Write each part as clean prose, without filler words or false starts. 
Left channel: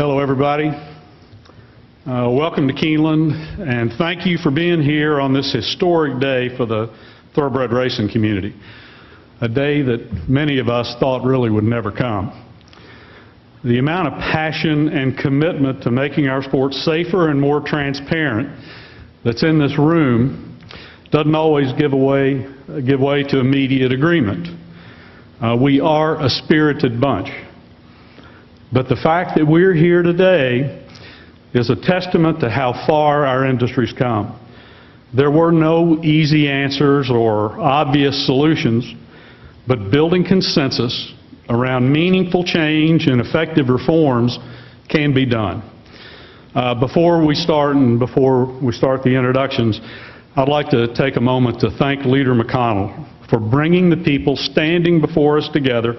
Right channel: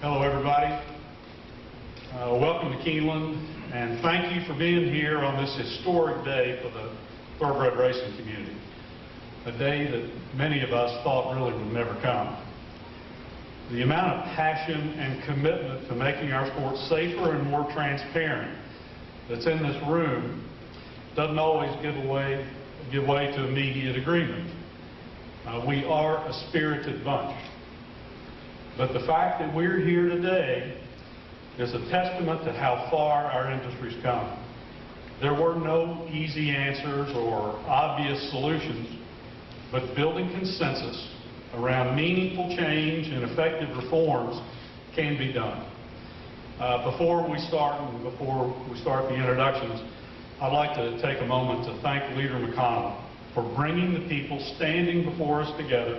Hello, everybody. Welcome to Keeneland, and thank you for being here on this historic day for the thoroughbred racing community, a day that many of us thought really would never come. The amount of passion and commitment to making our sport safer and more transparent that's in this room doesn't always give way to immediate agreement. We are a spirited bunch. But the fact that we're here today is a testament to how far our industry's come. There were no easy answers or obvious solutions, but building consensus around meaningful change and effective reforms can be done. Before we start the introductions, I'd like to take a moment to thank Leader McConnell for bringing the people standing before us together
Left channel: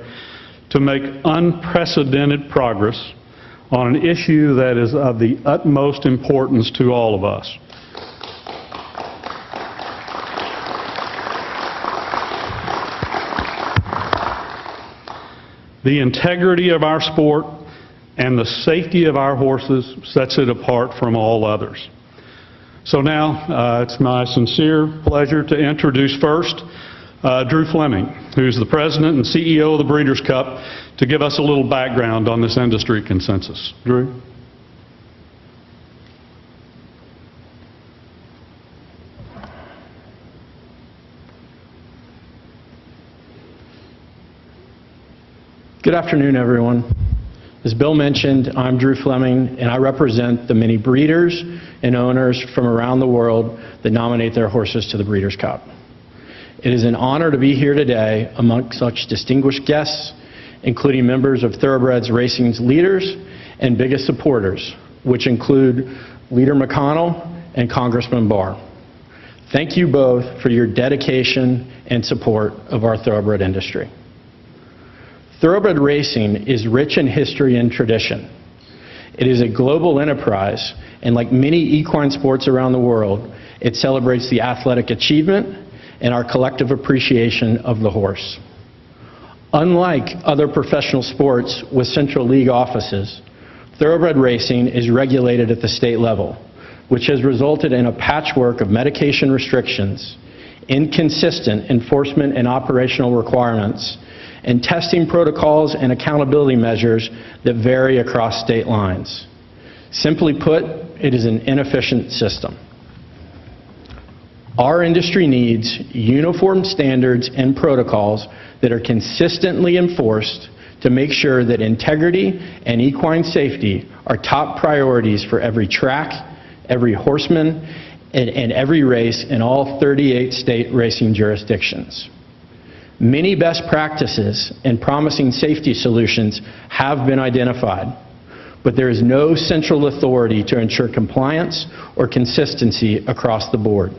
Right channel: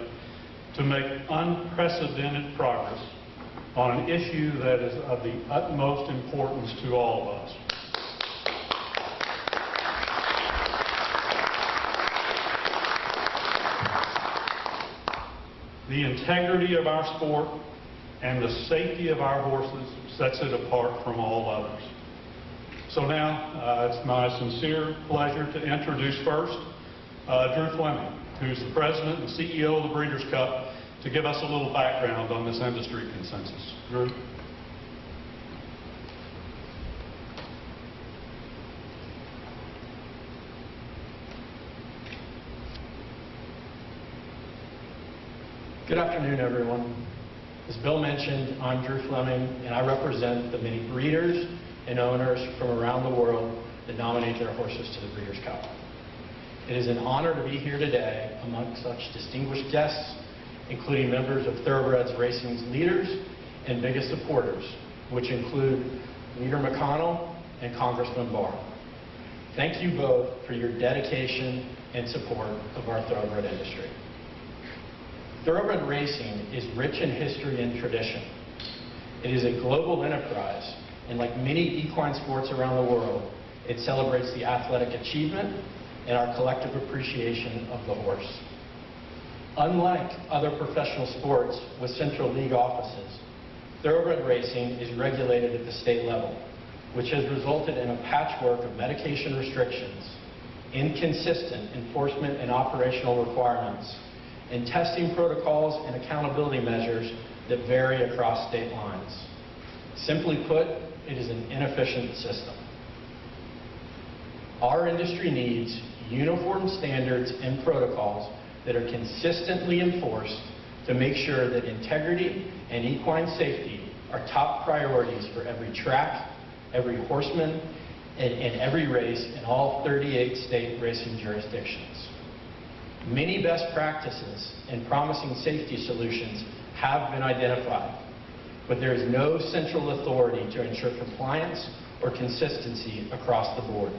to make unprecedented progress on an issue that is of the utmost importance to all of us. The integrity of our sport and the safety of our horses sets it apart from all others. So now it's my sincere pleasure to introduce first Drew Fleming, who's the president and CEO of the Breeders' Cup, to give us a little background on this industry consensus. Drew? Good afternoon, everyone. As Bill mentioned, I'm Drew Fleming, and I represent the many breeders and owners from around the world that nominate their horses to the Breeders' Cup. It is an honor to be here today among such distinguished guests, including members of Thoroughbreds Racing's leaders and biggest supporters, which include Leader McConnell and Congressman Barr. Thank you both for your dedication and support of our thoroughbred industry. Thoroughbred racing is rich in history and tradition. It is a global enterprise, and like many equine sports around the world, it celebrates the athletic achievement and our collective appreciation of the horse. Unlike other professional sports with central league offices, thoroughbred racing is regulated at the state level, which has resulted in a patchwork of medication restrictions, inconsistent enforcement and operational requirements, and testing protocols and accountability measures that vary across state lines. Simply put, it is an inefficient system. Our industry needs uniform standards and protocols that are consistently enforced to make sure that integrity and equine safety are top priorities for every track, every horseman, and every race in all 38 state racing jurisdictions. Many best practices and promising safety solutions have been identified, but there is no central authority to ensure compliance or consistency across the board.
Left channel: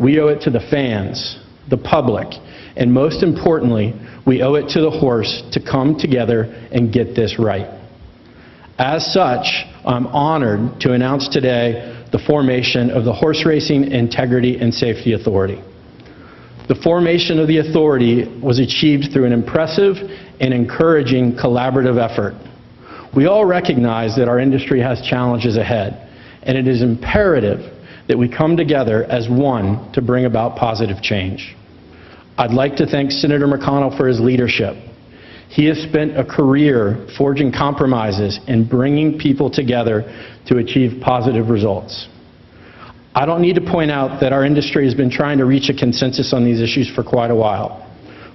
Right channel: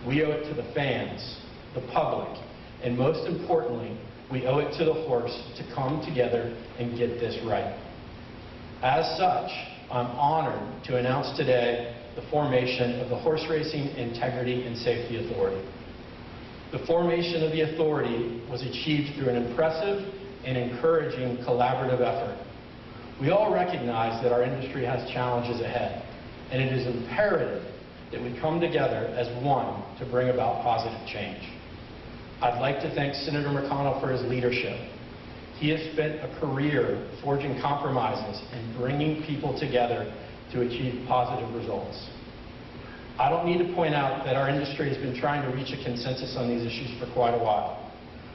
We owe it to the fans, the public, and most importantly, we owe it to the horse to come together and get this right. As such, I'm honored to announce today the formation of the Horse Racing Integrity and Safety Authority. The formation of the authority was achieved through an impressive and encouraging collaborative effort. We all recognize that our industry has challenges ahead, and it is imperative that we come together as one to bring about positive change. I'd like to thank Senator McConnell for his leadership. He has spent a career forging compromises and bringing people together to achieve positive results. I don't need to point out that our industry has been trying to reach a consensus on these issues for quite a while.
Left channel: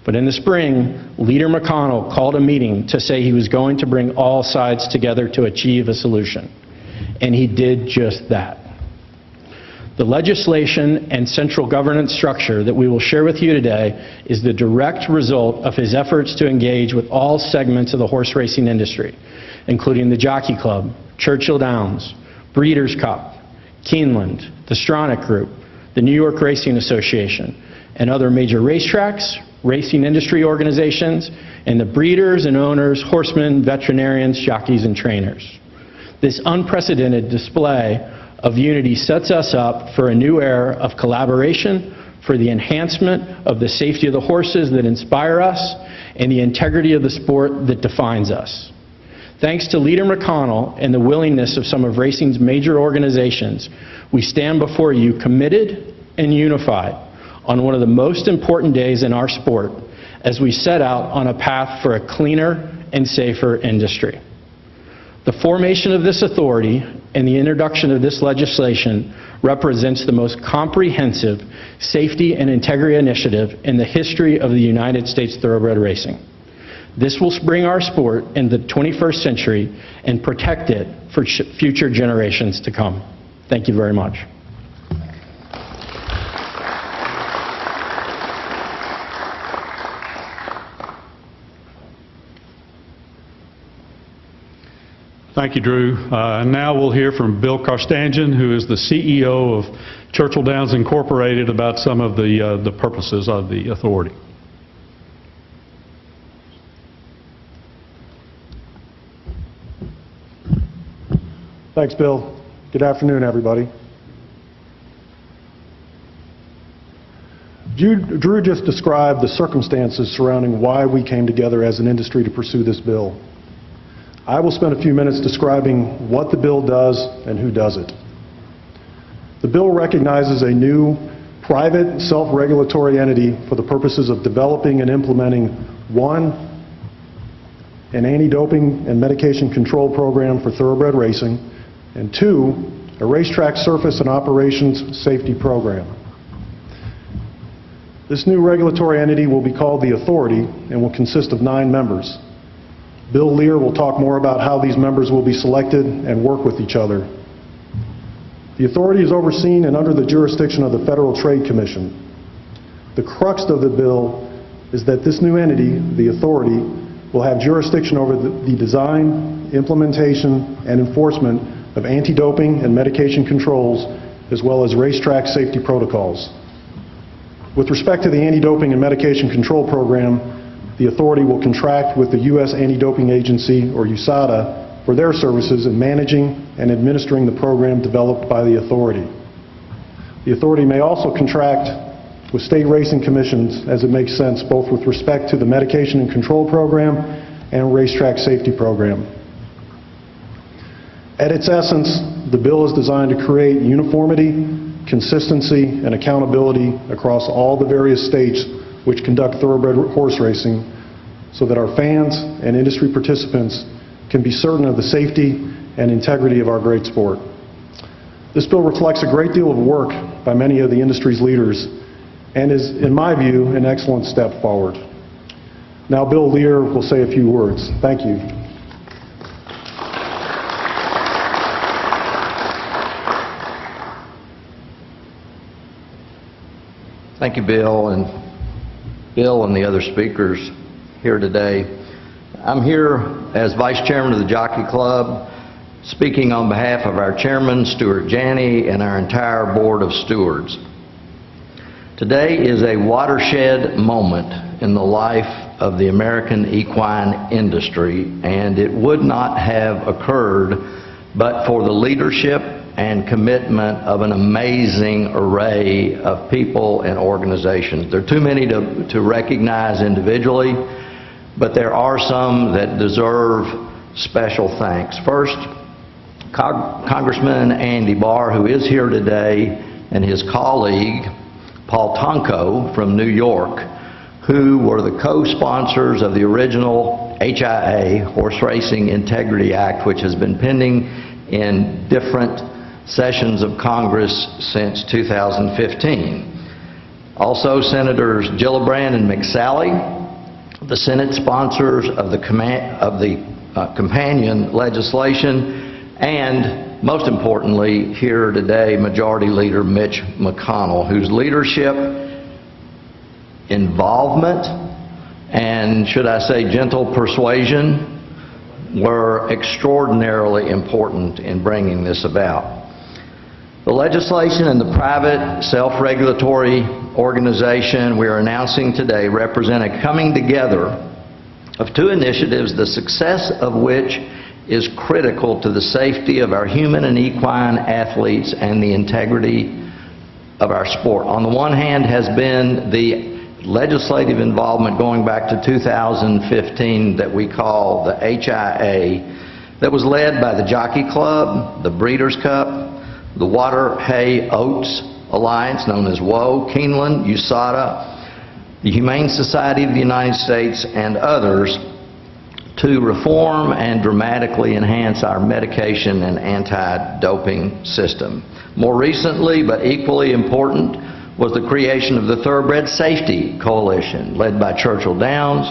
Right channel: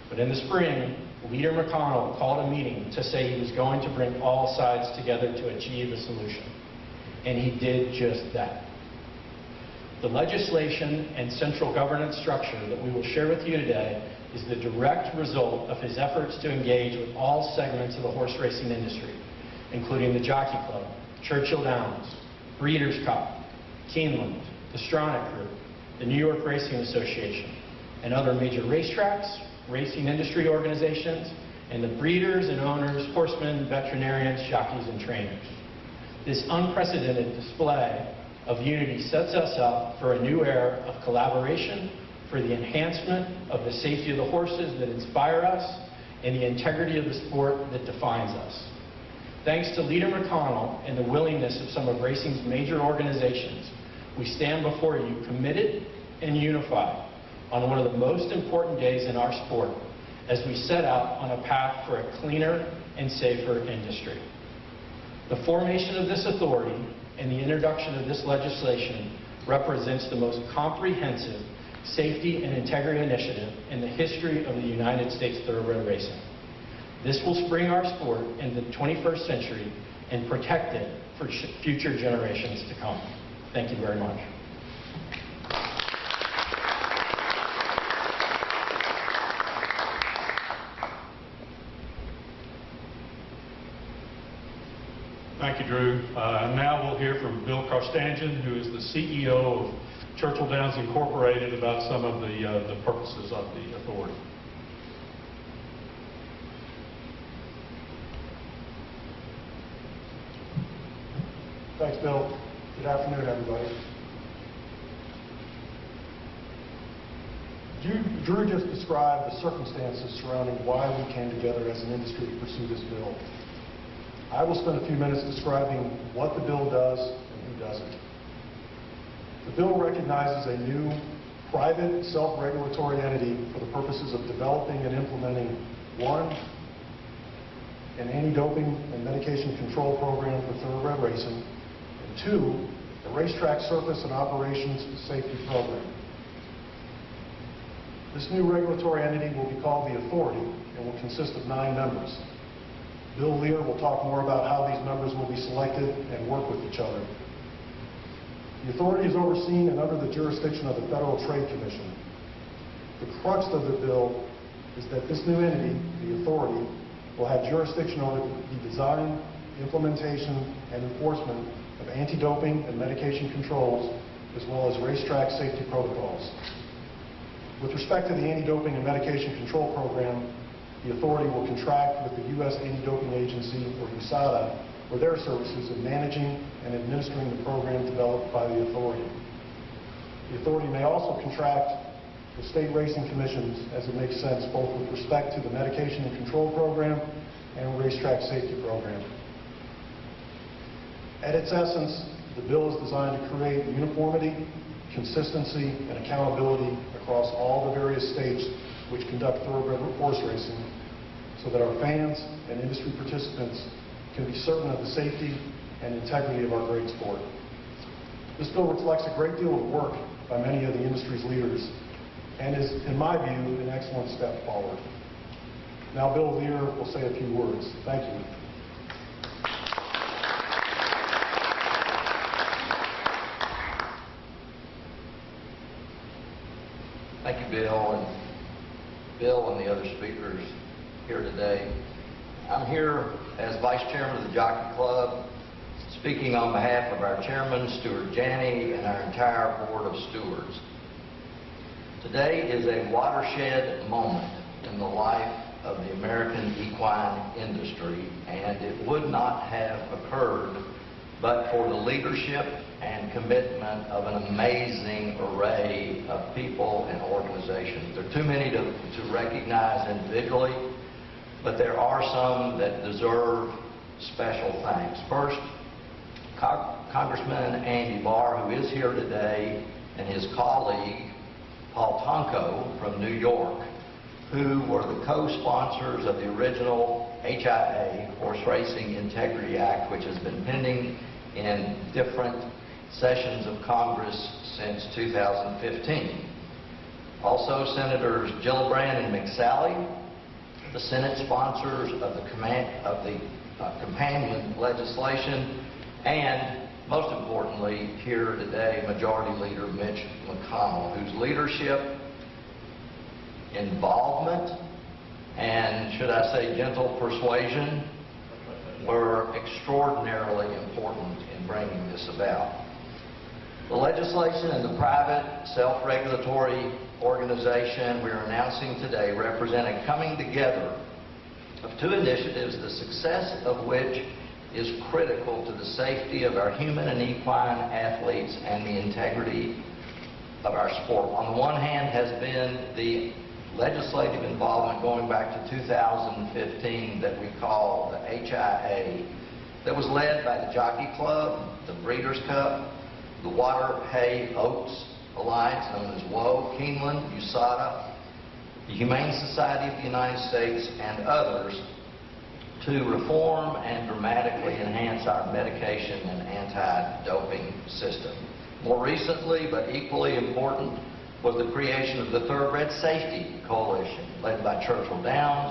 But in the spring, Leader McConnell called a meeting to say he was going to bring all sides together to achieve a solution. And he did just that. The legislation and central governance structure that we will share with you today is the direct result of his efforts to engage with all segments of the horse racing industry, including the Jockey Club, Churchill Downs, Breeders' Cup, Keeneland, the Stronach Group, the New York Racing Association, and other major racetracks, racing industry organizations, and the breeders and owners, horsemen, veterinarians, jockeys, and trainers. This unprecedented display of unity sets us up for a new era of collaboration for the enhancement of the safety of the horses that inspire us and the integrity of the sport that defines us. Thanks to Leader McConnell and the willingness of some of racing's major organizations, we stand before you committed and unified on one of the most important days in our sport as we set out on a path for a cleaner and safer industry. The formation of this authority and the introduction of this legislation represents the most comprehensive safety and integrity initiative in the history of the United States thoroughbred racing. This will bring our sport in the 21st century and protect it for future generations to come. Thank you very much. Thank you, Drew. Now we'll hear from Bill Carstanjen, who is the CEO of Churchill Downs Incorporated, about some of the purposes of the authority. Thanks, Bill. Good afternoon, everybody. Drew just described the circumstances surrounding why we came together as an industry to pursue this bill. I will spend a few minutes describing what the bill does and who does it. The bill recognizes a new private self-regulatory entity for the purposes of developing and implementing, one, an anti-doping and medication control program for thoroughbred racing, and two, a racetrack surface and operations safety program. This new regulatory entity will be called the Authority and will consist of 9 members. Bill Lear will talk more about how these members will be selected and work with each other. The authority is overseen and under the jurisdiction of the Federal Trade Commission. The crux of the bill is that this new entity, the authority, will have jurisdiction over the design, implementation, and enforcement of anti-doping and medication controls, as well as racetrack safety protocols. With respect to the anti-doping and medication control program, the authority will contract with the U.S. Anti-Doping Agency, or USADA, for their services in managing and administering the program developed by the authority. The authority may also contract with state racing commissions as it makes sense, both with respect to the medication and control program and racetrack safety program. At its essence, the bill is designed to create uniformity, consistency, and accountability across all the various states which conduct thoroughbred horse racing, so that our fans and industry participants can be certain of the safety and integrity of our great sport. This bill reflects a great deal of work by many of the industry's leaders and is, in my view, an excellent step forward. Now Bill Lear will say a few words. Thank you. Thank you, Bill and the other speakers here today. I'm here as Vice Chairman of the Jockey Club, speaking on behalf of our Chairman, Stuart Janney, and our entire Board of Stewards. Today is a watershed moment in the life of the American equine industry, and it would not have occurred but for the leadership and commitment of an amazing array of people and organizations. There are too many to recognize individually, but there are some that deserve special thanks. First, Congressman Andy Barr, who is here today, and his colleague, Paul Tonko from New York, who were the co-sponsors of the original HIA, Horse Racing Integrity Act, which has been pending in different sessions of Congress since 2015. Also, Senators Gillibrand and McSally, the Senate sponsors of the companion legislation, and most importantly here today, Majority Leader Mitch McConnell, whose leadership, involvement, and should I say gentle persuasion were extraordinarily important in bringing this about. The legislation and the private self-regulatory organization we are announcing today represent a coming together of 2 initiatives, the success of which is critical to the safety of our human and equine athletes and the integrity of our sport. On the one hand has been the legislative involvement going back to 2015 that we call the HIA, that was led by the Jockey Club, the Breeders' Cup, the Water Hay Oats Alliance, known as WOA, Keeneland, USADA, the Humane Society of the United States, and others, to reform and dramatically enhance our medication and anti-doping system. More recently, but equally important, was the creation of the Thoroughbred Safety Coalition, led by Churchill Downs,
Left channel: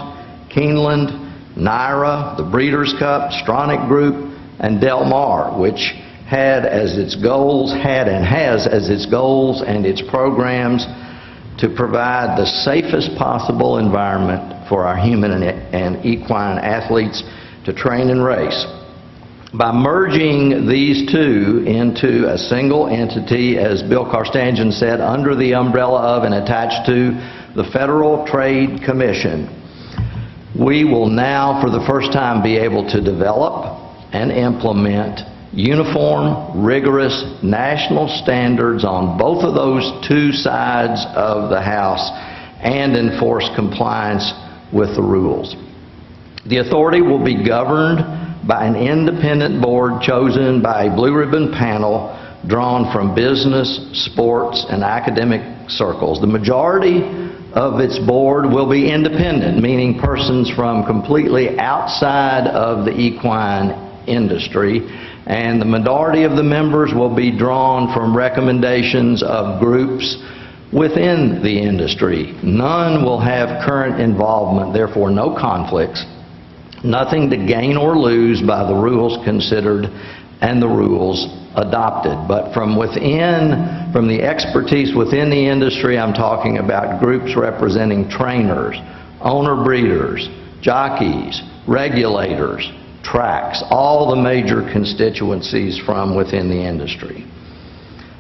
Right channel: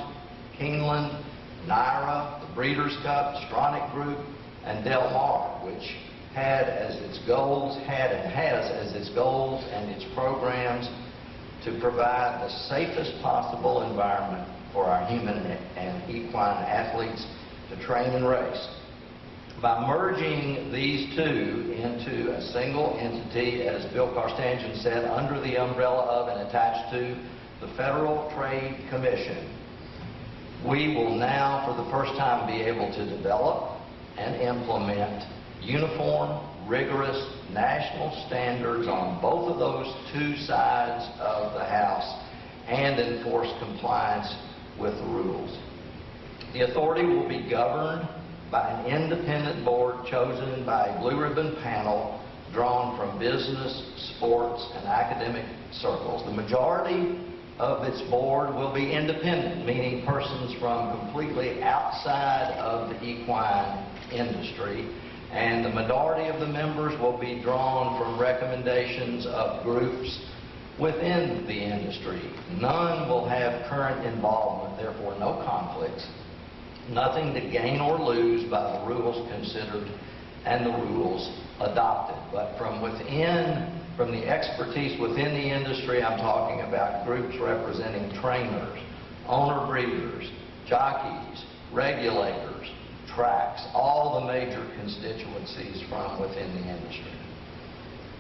Keeneland, NYRA, the Breeders' Cup, Stronach Group, and Del Mar, which had as its goals, and has as its goals and its programs to provide the safest possible environment for our human and equine athletes to train and race. By merging these two into a single entity, as Bill Carstangen said, under the umbrella of and attached to the Federal Trade Commission, we will now, for the first time, be able to develop and implement uniform, rigorous national standards on both of those two sides of the house and enforce compliance with the rules. The authority will be governed by an independent board chosen by a blue ribbon panel drawn from business, sports, and academic circles. The majority of its board will be independent, meaning persons from completely outside of the equine industry, and the minority of the members will be drawn from recommendations of groups within the industry. None will have current involvement, therefore no conflicts, nothing to gain or lose by the rules considered and the rules adopted. But from within, from the expertise within the industry, I'm talking about groups representing trainers, owner breeders, jockeys, regulators, tracks, all the major constituencies from within the industry.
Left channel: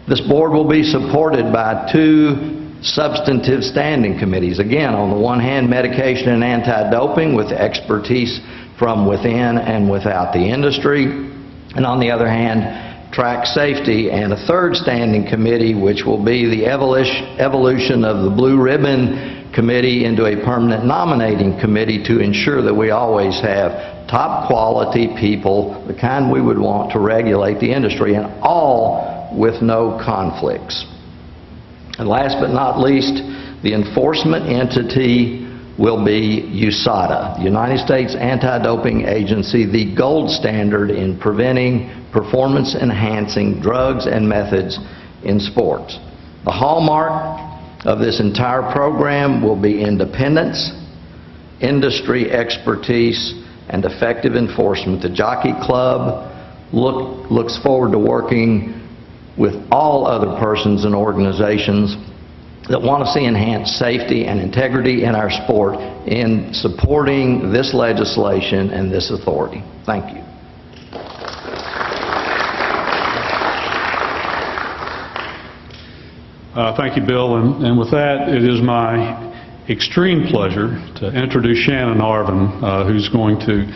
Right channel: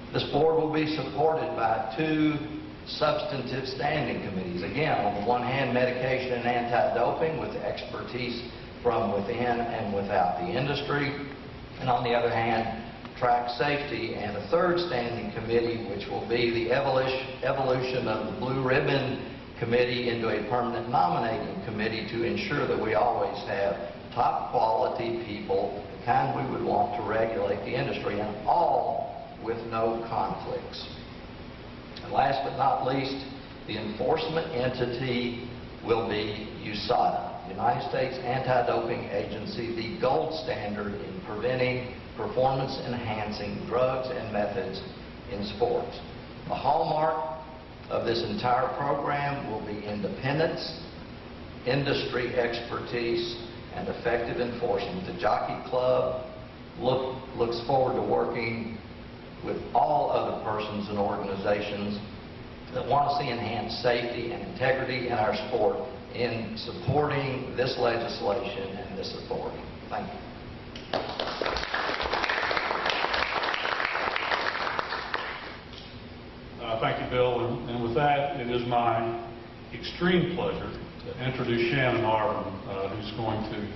This board will be supported by two substantive standing committees. Again, on the one hand, medication and anti-doping with expertise from within and without the industry, and on the other hand, track safety, and a third standing committee which will be the evolution of the Blue Ribbon Committee into a permanent nominating committee to ensure that we always have top quality people, the kind we would want to regulate the industry, and all with no conflicts. And last but not least, the enforcement entity will be USADA, the United States Anti-Doping Agency, the gold standard in preventing performance-enhancing drugs and methods in sports. The hallmark of this entire program will be independence, industry expertise, and effective enforcement. The Jockey Club looks forward to working with all other persons and organizations that want to see enhanced safety and integrity in our sport in supporting this legislation and this authority. Thank you. Thank you, Bill. And with that, it is my extreme pleasure to introduce Shannon Arvin, who's going to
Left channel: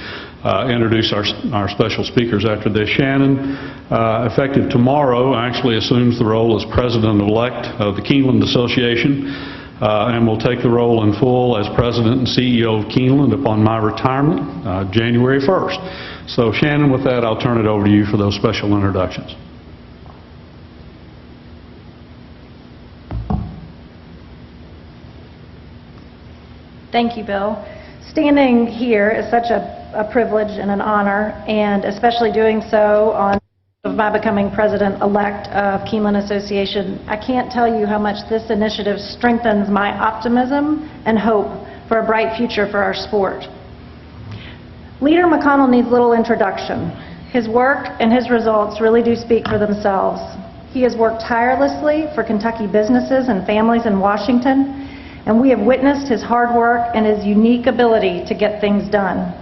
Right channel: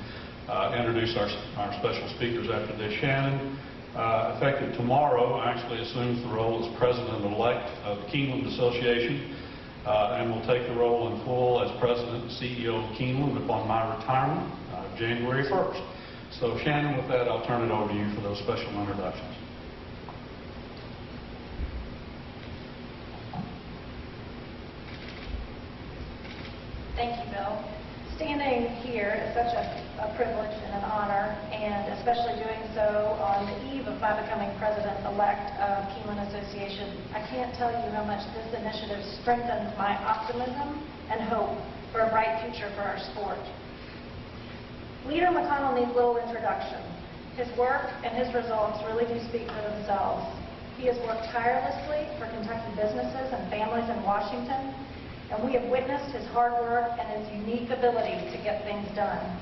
introduce our special speakers after this. Shannon, effective tomorrow, actually assumes the role as President-elect of the Keeneland Association and will take the role in full as President and CEO of Keeneland upon my retirement, January 1st. So Shannon, with that, I'll turn it over to you for those special introductions. Thank you, Bill. Standing here is such a privilege and an honor, and especially doing so on the eve of my becoming President-elect of Keeneland Association. I can't tell you how much this initiative strengthens my optimism and hope for a bright future for our sport. Leader McConnell needs little introduction. His work and his results really do speak for themselves. He has worked tirelessly for Kentucky businesses and families in Washington, and we have witnessed his hard work and his unique ability to get things done.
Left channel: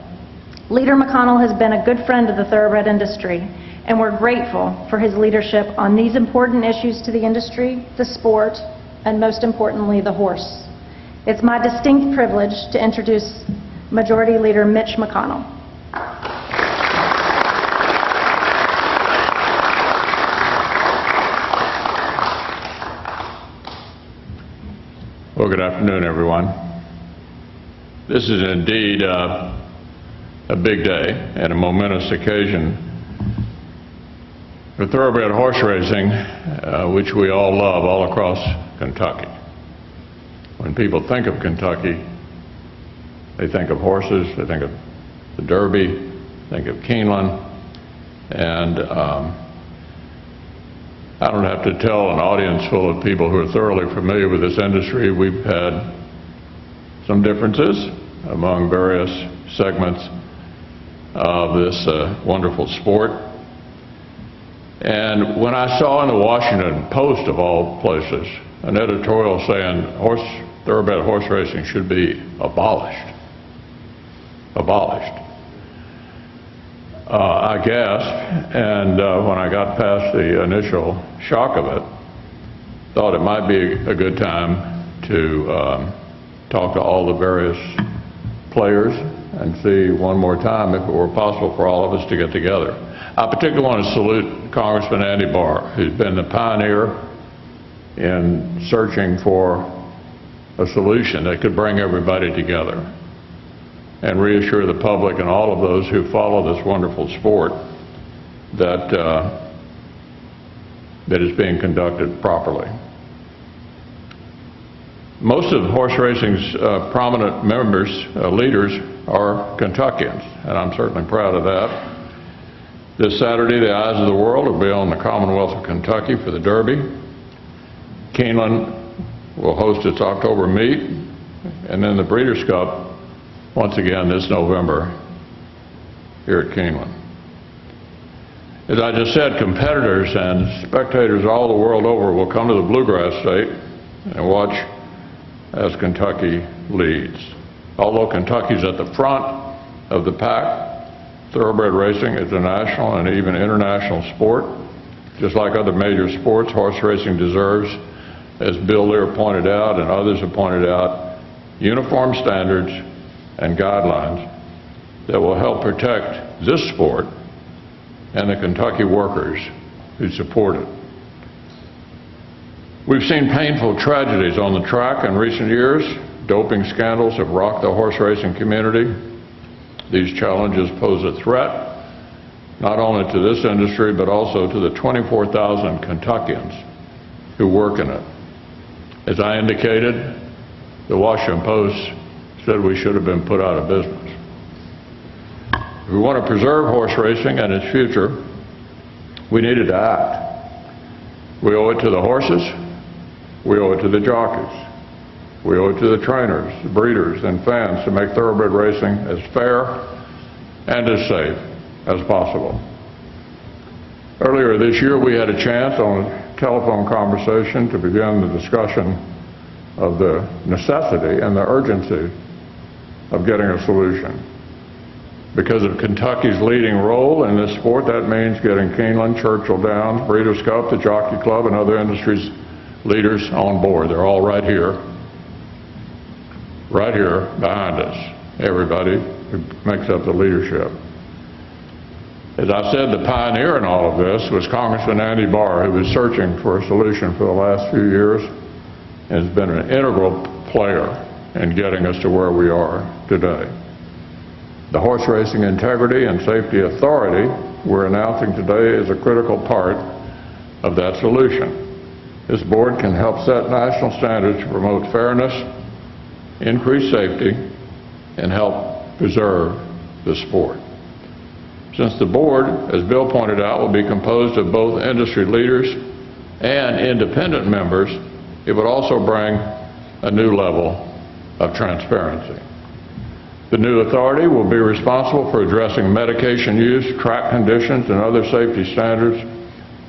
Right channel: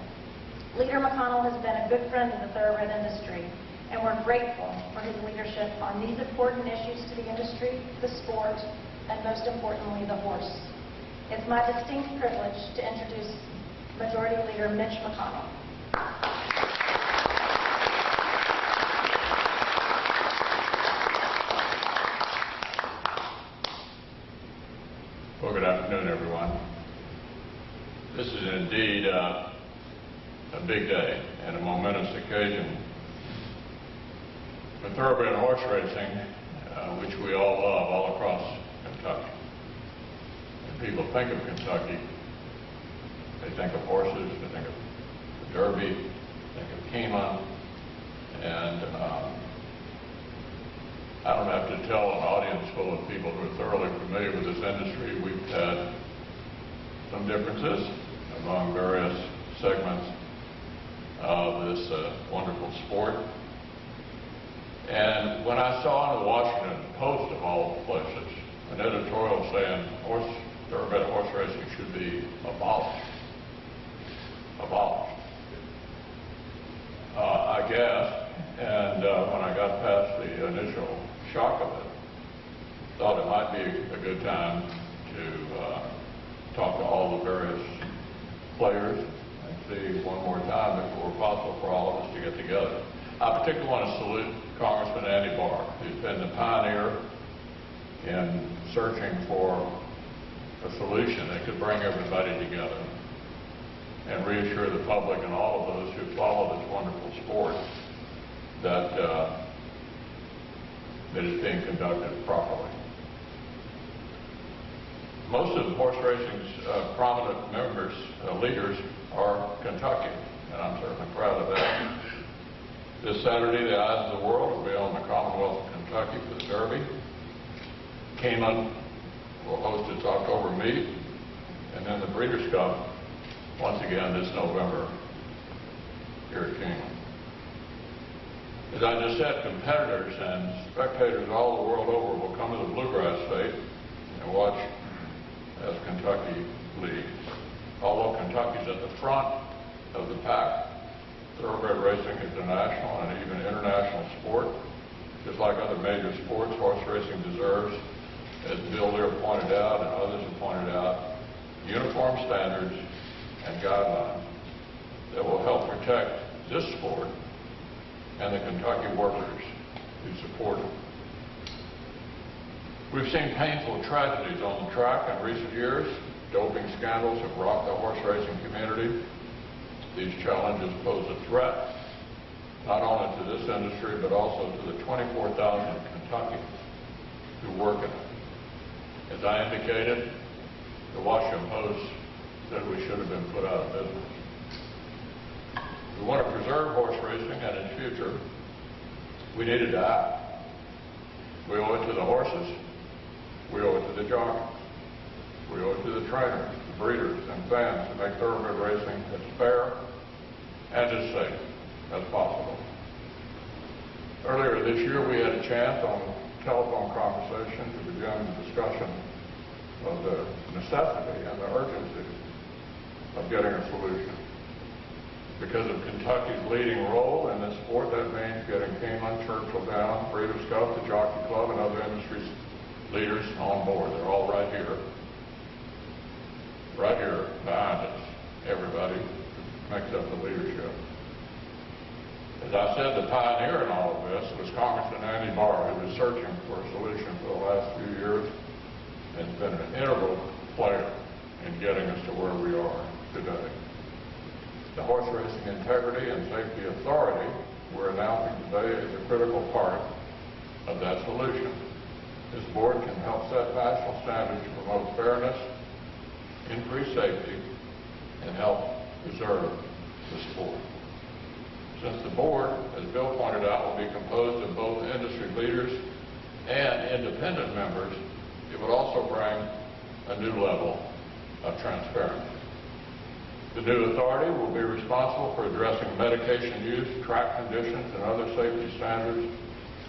Leader McConnell has been a good friend of the thoroughbred industry, and we're grateful for his leadership on these important issues to the industry, the sport, and most importantly, the horse. It's my distinct privilege to introduce Majority Leader Mitch McConnell. Well, good afternoon, everyone. This is indeed a big day and a momentous occasion for thoroughbred horse racing, which we all love all across Kentucky. When people think of Kentucky, they think of horses, they think of the Derby, think of Keeneland, and I don't have to tell an audience full of people who are thoroughly familiar with this industry, we've had some differences among various segments of this wonderful sport. And when I saw in the Washington Post, of all places, an editorial saying thoroughbred horse racing should be abolished, I gasped, and when I got past the initial shock of it, thought it might be a good time to talk to all the various players and see one more time if it were possible for all of us to get together. I particularly want to salute Congressman Barr, who's been the pioneer in searching for a solution that could bring everybody together and reassure the public and all of those who follow this wonderful sport that that is being conducted properly. Most of horse racing's prominent members, leaders, are Kentuckians, and I'm certainly proud of that. This Saturday, the eyes of the world will be on the Commonwealth of Kentucky for the Derby. Keeneland will host its October meet, and then the Breeders' Cup once again this November here at Keeneland. As I just said, competitors and spectators all the world over will come to the Bluegrass State and watch as Kentucky leads. Although Kentucky's at the front of the pack, thoroughbred racing is a national and even international sport. Just like other major sports, horse racing deserves, as Bill Lear pointed out and others have pointed out, uniform standards and guidelines that will help protect this sport and the Kentucky workers who support it. We've seen painful tragedies on the track in recent years. Doping scandals have rocked the horse racing community. These challenges pose a threat not only to this industry but also to the 24,000 Kentuckians who work in it. As I indicated, the Washington Post said we should have been put out of business. If we want to preserve horse racing and its future, we needed to act. We owe it to the horses, we owe it to the jockeys, we owe it to the trainers, the breeders, and fans to make thoroughbred racing as fair and as safe as possible. Earlier this year, we had a chance on a telephone conversation to begin the discussion of the necessity and the urgency of getting a solution. Because of Kentucky's leading role in this sport, that means getting Keeneland, Churchill Downs, Breeders' Cup, the Jockey Club, and other industries leaders on board. They're all right here behind us, everybody who makes up the leadership. As I said, the pioneer in all of this was Congressman Barr, who was searching for a solution for the last few years and has been an integral player in getting us to where we are today. The Horse Racing Integrity and Safety Authority we're announcing today is a critical part of that solution. This board can help set national standards to promote fairness, increase safety, and help preserve the sport. Since the board, as Bill pointed out, will be composed of both industry leaders and independent members, it would also bring a new level of transparency. The new authority will be responsible for addressing medication use, track conditions, and other safety standards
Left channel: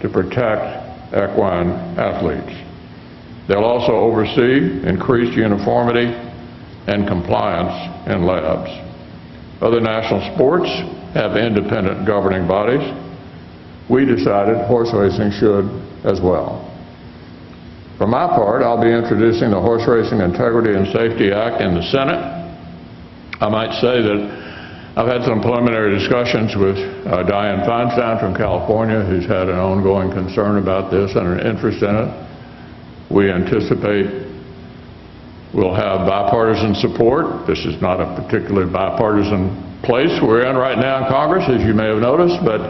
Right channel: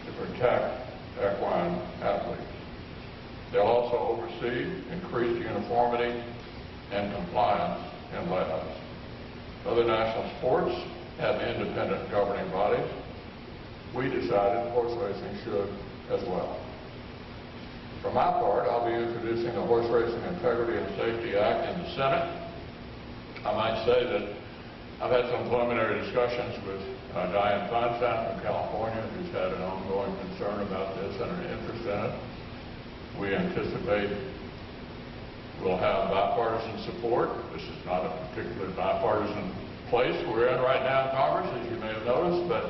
to protect equine athletes. They'll also oversee increased uniformity and compliance in labs. Other national sports have independent governing bodies. We decided horse racing should as well. For my part, I'll be introducing the Horse Racing Integrity and Safety Act in the Senate. I might say that I've had some preliminary discussions with Dianne Feinstein from California, who's had an ongoing concern about this and an interest in it. We anticipate we'll have bipartisan support. This is not a particularly bipartisan place we're in right now in Congress, as you may have noticed, but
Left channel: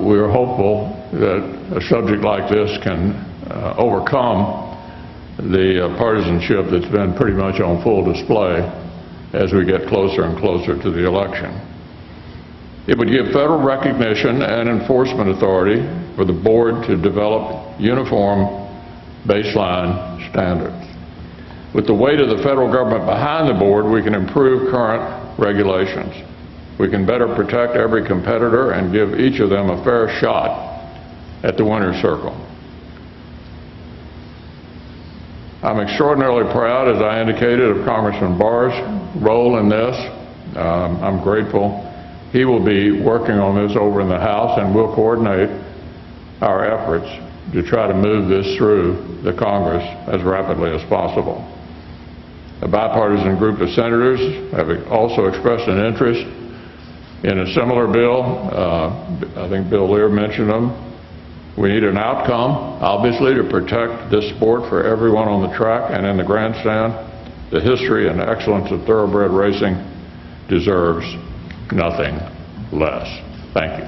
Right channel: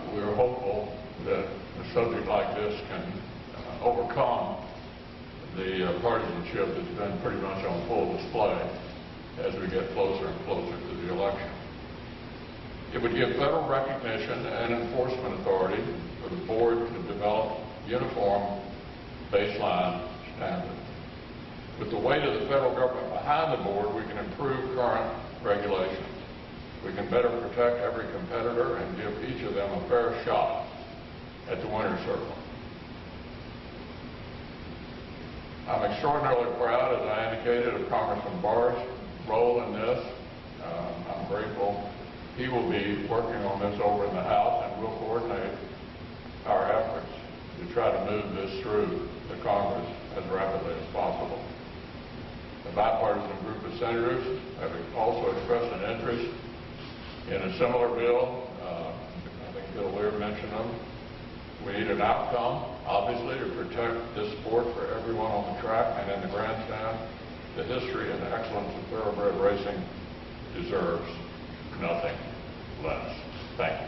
we're hopeful that a subject like this can overcome the partisanship that's been pretty much on full display as we get closer and closer to the election. It would give federal recognition and enforcement authority for the board to develop uniform baseline standards. With the weight of the federal government behind the board, we can improve current regulations. We can better protect every competitor and give each of them a fair shot at the winner's circle. I'm extraordinarily proud, as I indicated, of Congressman Barr's role in this. I'm grateful. He will be working on this over in the House, and we'll coordinate our efforts to try to move this through the Congress as rapidly as possible. A bipartisan group of senators have also expressed an interest in a similar bill. I think Bill Lear mentioned them. We need an outcome, obviously, to protect this sport for everyone on the track and in the grandstand. The history and excellence of thoroughbred racing deserves nothing less. Thank you.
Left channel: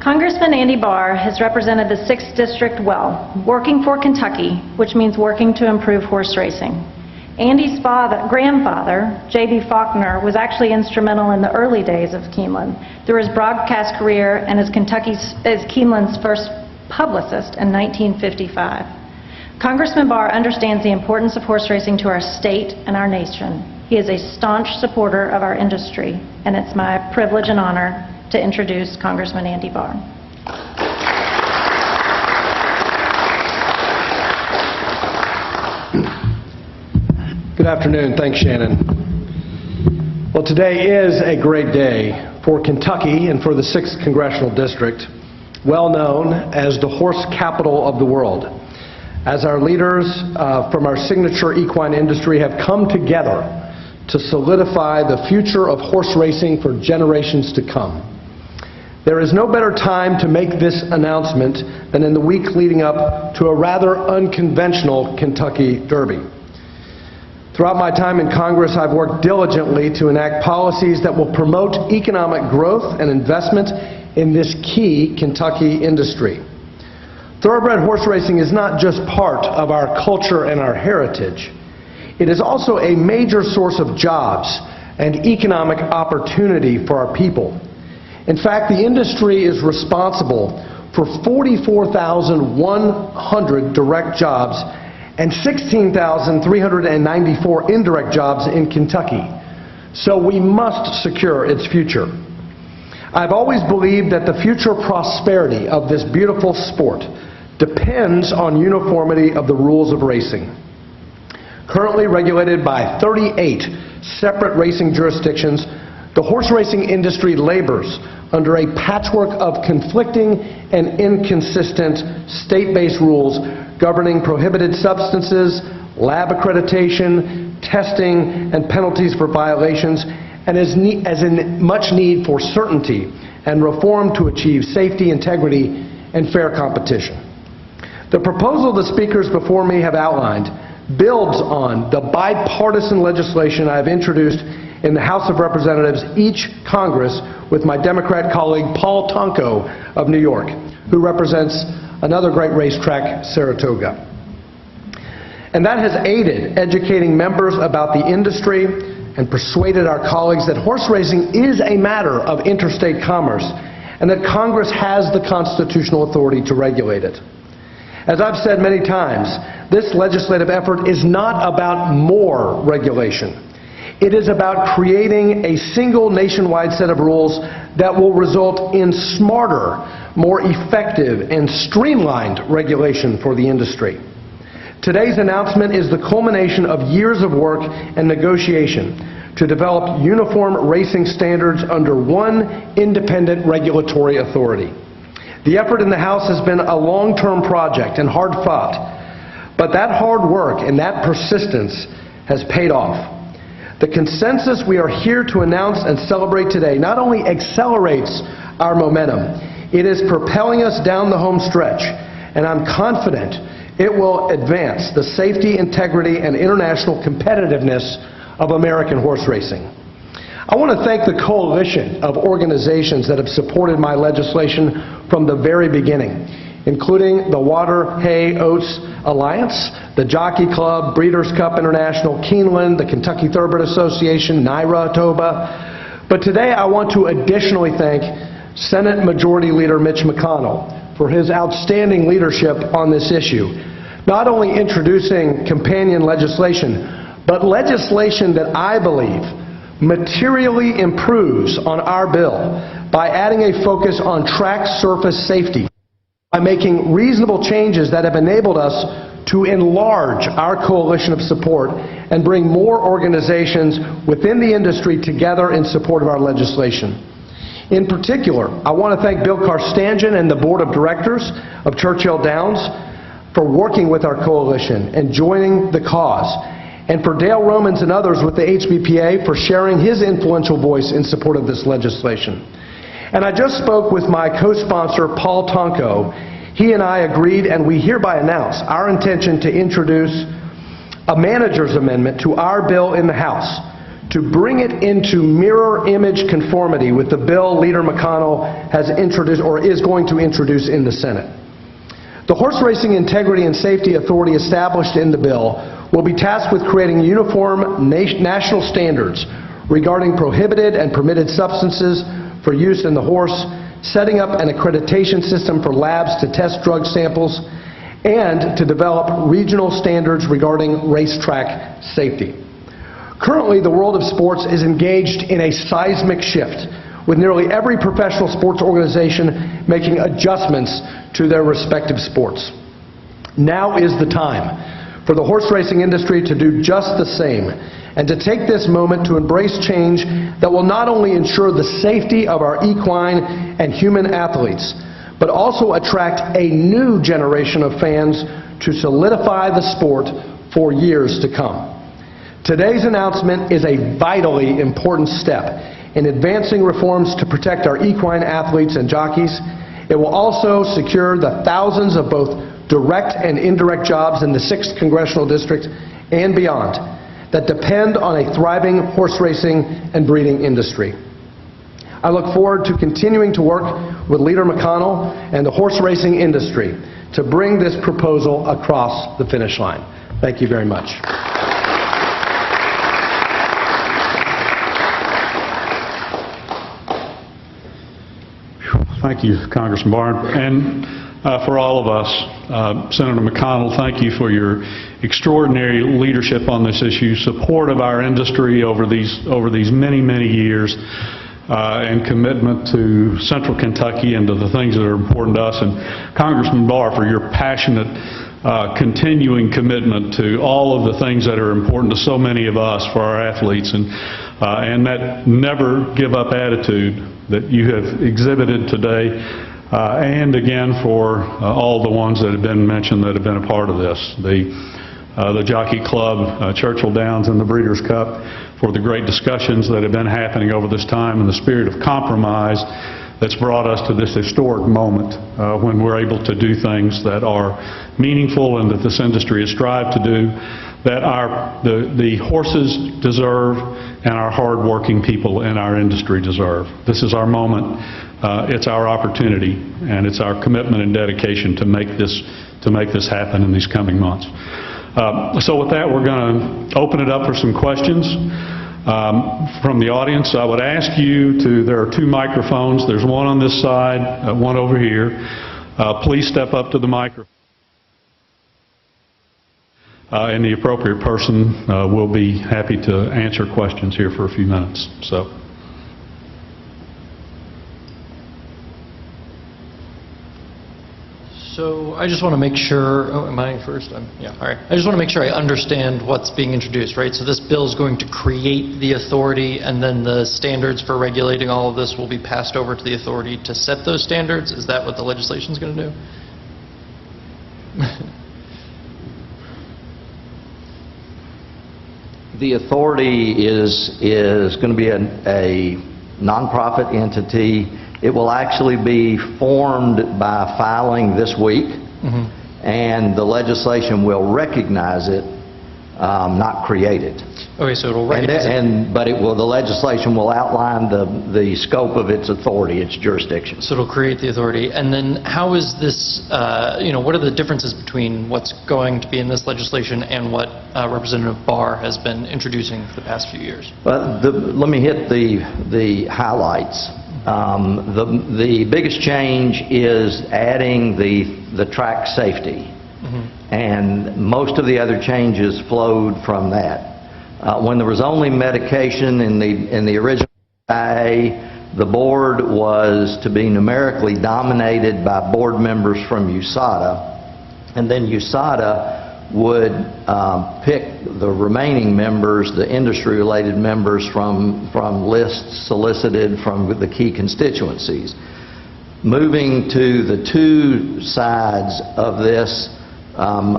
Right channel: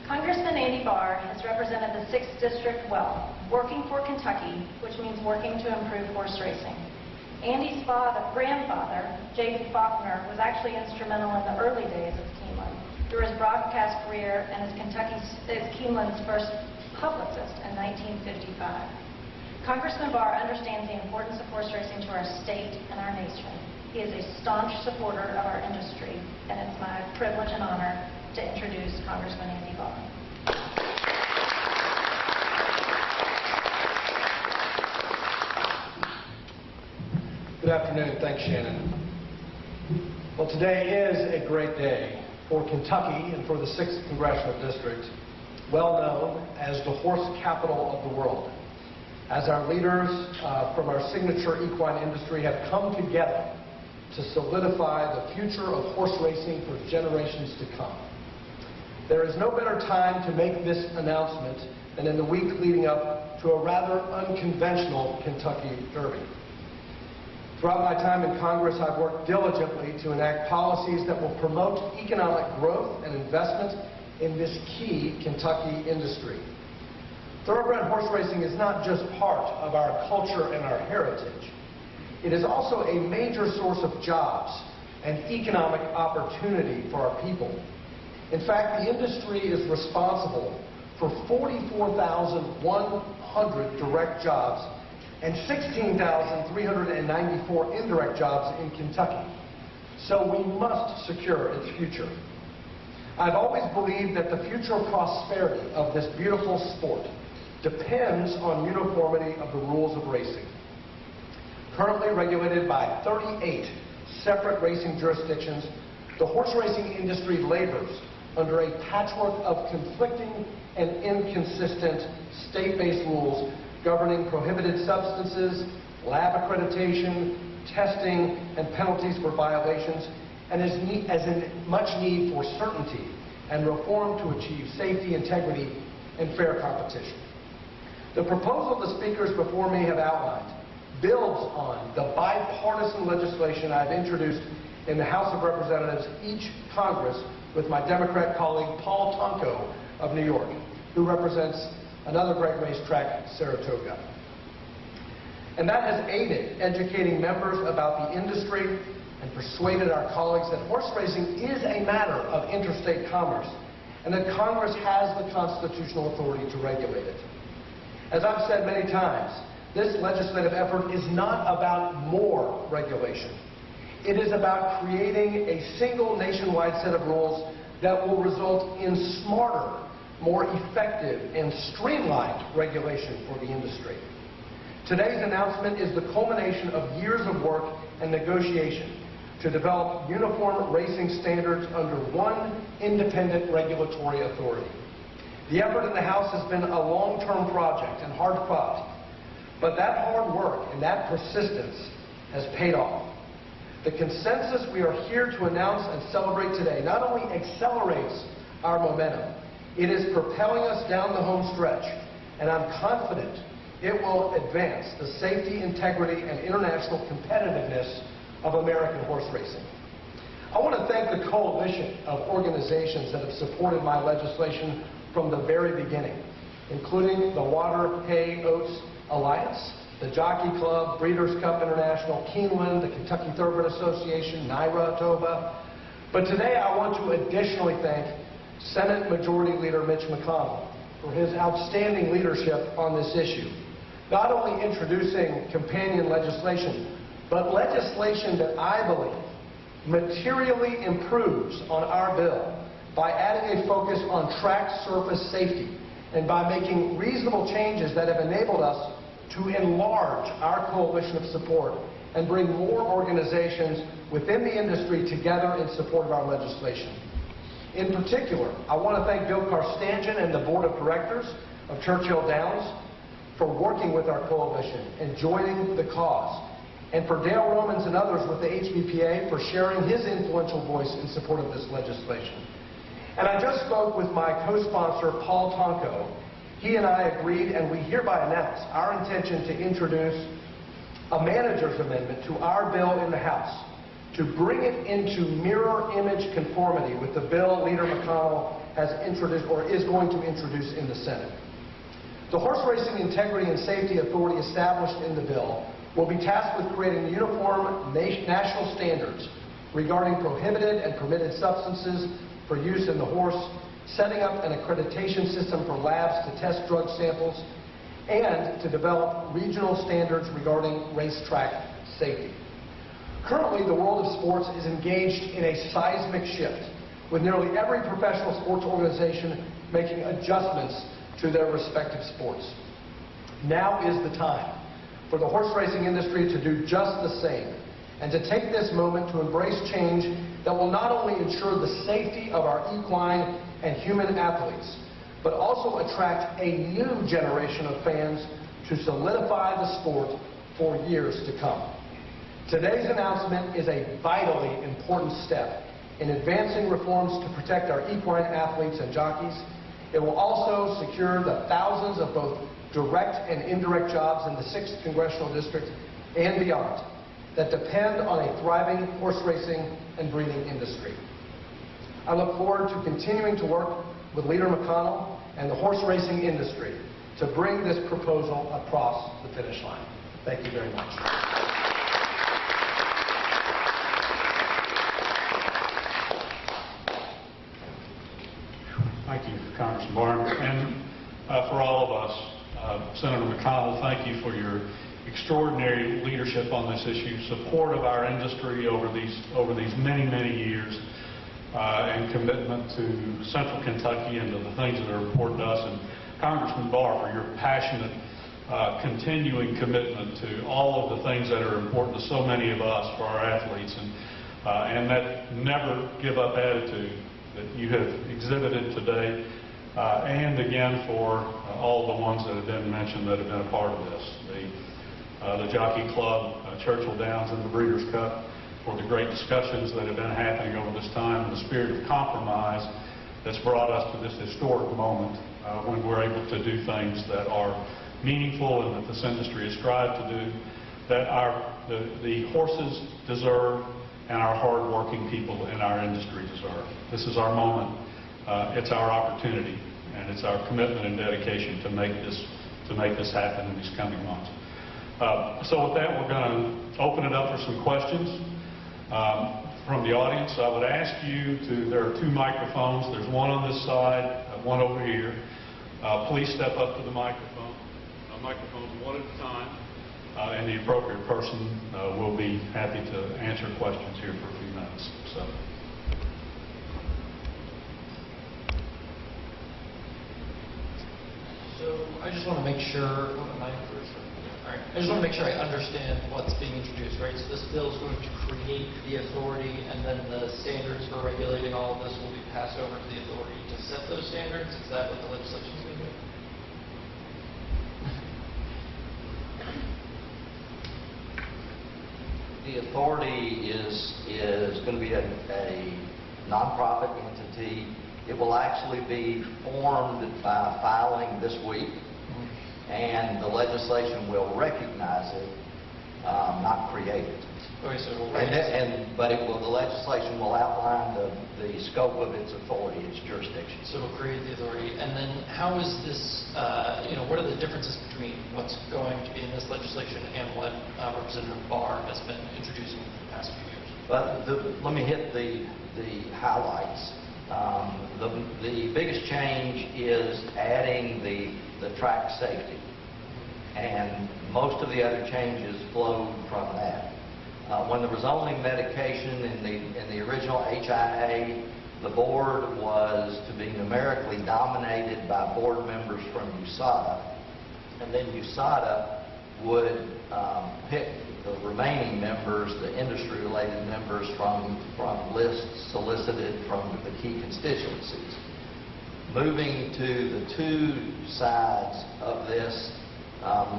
Congressman Andy Barr has represented the 6th District well, working for Kentucky, which means working to improve horse racing. Andy's grandfather, J.B. Faulkner, was actually instrumental in the early days of Keeneland through his broadcast career and as Keeneland's first publicist in 1955. Congressman Barr understands the importance of horse racing to our state and our nation. He is a staunch supporter of our industry, and it's my privilege and honor to introduce Congressman Andy Barr. Good afternoon. Thanks, Shannon. Well, today is a great day for Kentucky and for the 6th Congressional District, well known as the horse capital of the world, as our leaders from our signature equine industry have come together to solidify the future of horse racing for generations to come. There is no better time to make this announcement than in the week leading up to a rather unconventional Kentucky Derby. Throughout my time in Congress, I've worked diligently to enact policies that will promote economic growth and investment in this key Kentucky industry. Thoroughbred horse racing is not just part of our culture and our heritage. It is also a major source of jobs and economic opportunity for our people. In fact, the industry is responsible for 44,100 direct jobs and 16,394 indirect jobs in Kentucky. So we must secure its future. I've always believed that the future prosperity of this beautiful sport depends on uniformity of the rules of racing. Currently regulated by 38 separate racing jurisdictions, the horse racing industry labors under a patchwork of conflicting and inconsistent state-based rules governing prohibited substances, lab accreditation, testing, and penalties for violations, and as in much need for certainty and reform to achieve safety, integrity, and fair competition. The proposal the speakers before me have outlined builds on the bipartisan legislation I have introduced in the House of Representatives each Congress with my Democrat colleague Paul Tonko of New York, who represents another great racetrack, Saratoga. And that has aided educating members about the industry and persuaded our colleagues that horse racing is a matter of interstate commerce and that Congress has the constitutional authority to regulate it. As I've said many times, this legislative effort is not about more regulation. It is about creating a single nationwide set of rules that will result in smarter, more effective, and streamlined regulation for the industry. Today's announcement is the culmination of years of work and negotiation to develop uniform racing standards under one independent regulatory authority. The effort in the House has been a long-term project and hard fought, but that hard work and that persistence has paid off. The consensus we are here to announce and celebrate today not only accelerates our momentum, It is propelling us down the home stretch, and I'm confident it will advance the safety, integrity, and international competitiveness of American horse racing. I want to thank the coalition of organizations that have supported my legislation from the very beginning, including the Water, Hay, Oats Alliance, the Jockey Club, Breeders' Cup International, Keeneland, the Kentucky Thoroughbred Association, NYRA, TOBA. But today I want to additionally thank Senate Majority Leader Mitch McConnell for his outstanding leadership on this issue, not only introducing companion legislation, but legislation that I believe materially improves on our bill by adding a focus on track surface safety and by making reasonable changes that have enabled us to enlarge our coalition of support and bring more organizations within the industry together in support of our legislation. In particular, I want to thank Bill Carstanjen and the Board of Directors of Churchill Downs for working with our coalition and joining the cause, and for Dale Romans and others with the HBPA for sharing his influential voice in support of this legislation. And I just spoke with my co-sponsor, Paul Tonko. He and I agreed, and we hereby announce our intention to introduce a manager's amendment to our bill in the House to bring it into mirror image conformity with the bill Leader McConnell has introduced or is going to introduce in the Senate. The Horse Racing Integrity and Safety Authority established in the bill will be tasked with creating uniform national standards regarding prohibited and permitted substances for use in the horse, setting up an accreditation system for labs to test drug samples, and to develop regional standards regarding racetrack safety. Currently, the world of sports is engaged in a seismic shift, with nearly every professional sports organization making adjustments to their respective sports. Now is the time for the horse racing industry to do just the same, and to take this moment to embrace change that will not only ensure the safety of our equine and human athletes, but also attract a new generation of fans to solidify the sport for years to come. Today's announcement is a vitally important step in advancing reforms to protect our equine athletes and jockeys. It will also secure the thousands of both direct and indirect jobs in the 6th Congressional District and beyond that depend on a thriving horse racing and breeding industry. I look forward to continuing to work with Leader McConnell and the horse racing industry to bring this proposal across the finish line. Thank you very much. Thank you, Congressman Barr. And for all of us, Senator McConnell, thank you for your extraordinary leadership on this issue, support of our industry over these many, many years, and commitment to Central Kentucky and to the things that are important to us. And Congressman Barr, for your passionate, continuing commitment to all of the things that are important to so many of us, for our athletes, and that never give up attitude that you have exhibited today, and again for all the ones that have been mentioned that have been a part of this. The Jockey Club, Churchill Downs, and the Breeders' Cup, for the great discussions that have been happening over this time and the spirit of compromise that's brought us to this historic moment when we're able to do things that are meaningful and that this industry has strived to do, that the horses deserve and our hard-working people in our industry deserve. This is our moment. It's our opportunity, and it's our commitment and dedication to make this happen in these coming months. So with that, we're going to open it up for some questions from the audience. I would ask you to, there are 2 microphones. There's one on this side, one over here. Please step up to the microphone. Microphones one at a time. And the appropriate person will be happy to answer questions here for a few minutes. So I just want to make sure, am I first? Yeah, all right. I just want to make sure I understand what's being introduced, right? So this bill is going to create the authority, and then the standards for regulating all of this will be passed over to the authority to set those standards? Is that what the legislation is going to do? The authority is going to be a nonprofit entity It will actually be formed by filing this week, and the legislation will recognize it, not create it. Okay, so it'll recognize it. But the legislation will outline the scope of its authority, its jurisdiction. So it'll create the authority. And then how is this, what are the differences between what's going to be in this legislation and what Representative Barr has been introducing for the past few years? Let me hit the highlights. The biggest change is adding the track safety. And most of the other changes flowed from that. When there was only medication in the original HIA, the board was to be numerically dominated by board members from USADA, and then USADA would pick the remaining members, the industry-related members, from lists solicited from the key constituencies. Moving to the two sides of this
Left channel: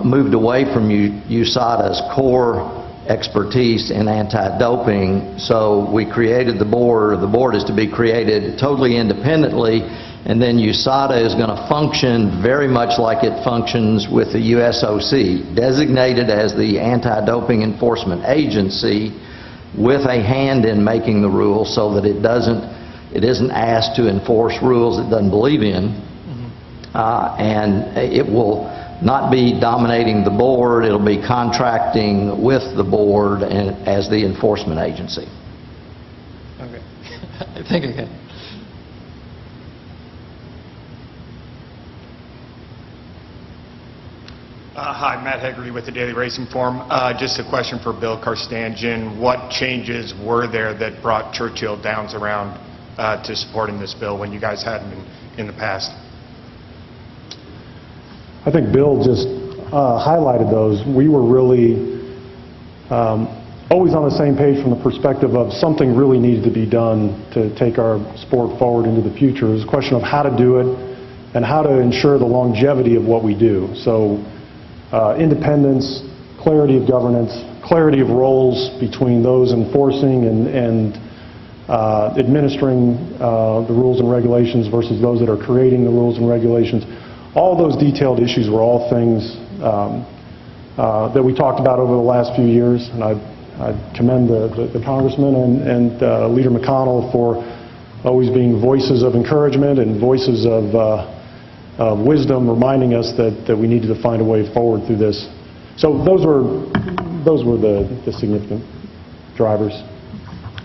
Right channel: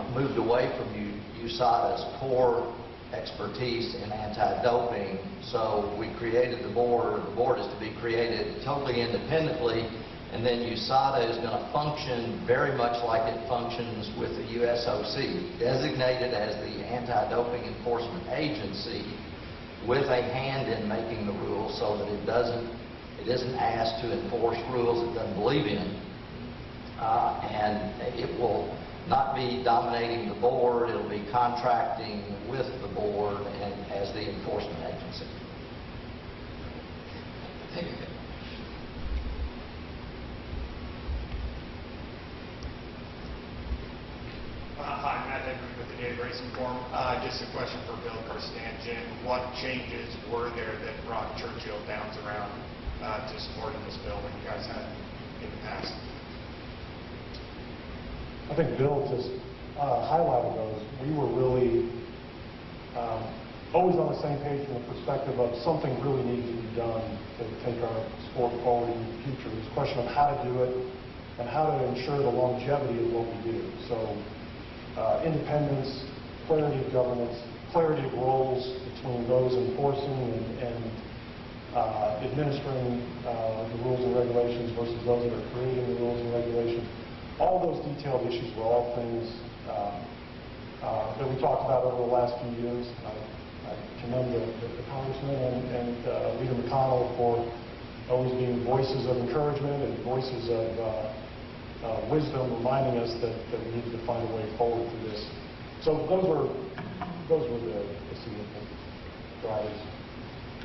moved away from USADA's core expertise in anti-doping, so we created the board. The board is to be created totally independently, and then USADA is going to function very much like it functions with the USOC, designated as the anti-doping enforcement agency with a hand in making the rules, so that it isn't asked to enforce rules it doesn't believe in, and it will not be dominating the board. It'll be contracting with the board and as the enforcement agency. Okay. I think I can. Hi, Matt Hegarty with the Daily Racing Forum. Just a question for Bill Karstanjian. What changes were there that brought Churchill Downs around to supporting this bill when you guys hadn't in the past? I think Bill just highlighted those. We were really always on the same page from the perspective of something really needed to be done to take our sport forward into the future. It was a question of how to do it and how to ensure the longevity of what we do. So independence, clarity of governance, clarity of roles between those enforcing and administering the rules and regulations versus those that are creating the rules and regulations. All those detailed issues were all things that we talked about over the last few years, and I commend the Congressman and Leader McConnell for always being voices of encouragement and voices of wisdom, reminding us that we needed to find a way forward through this. So those were the significant drivers.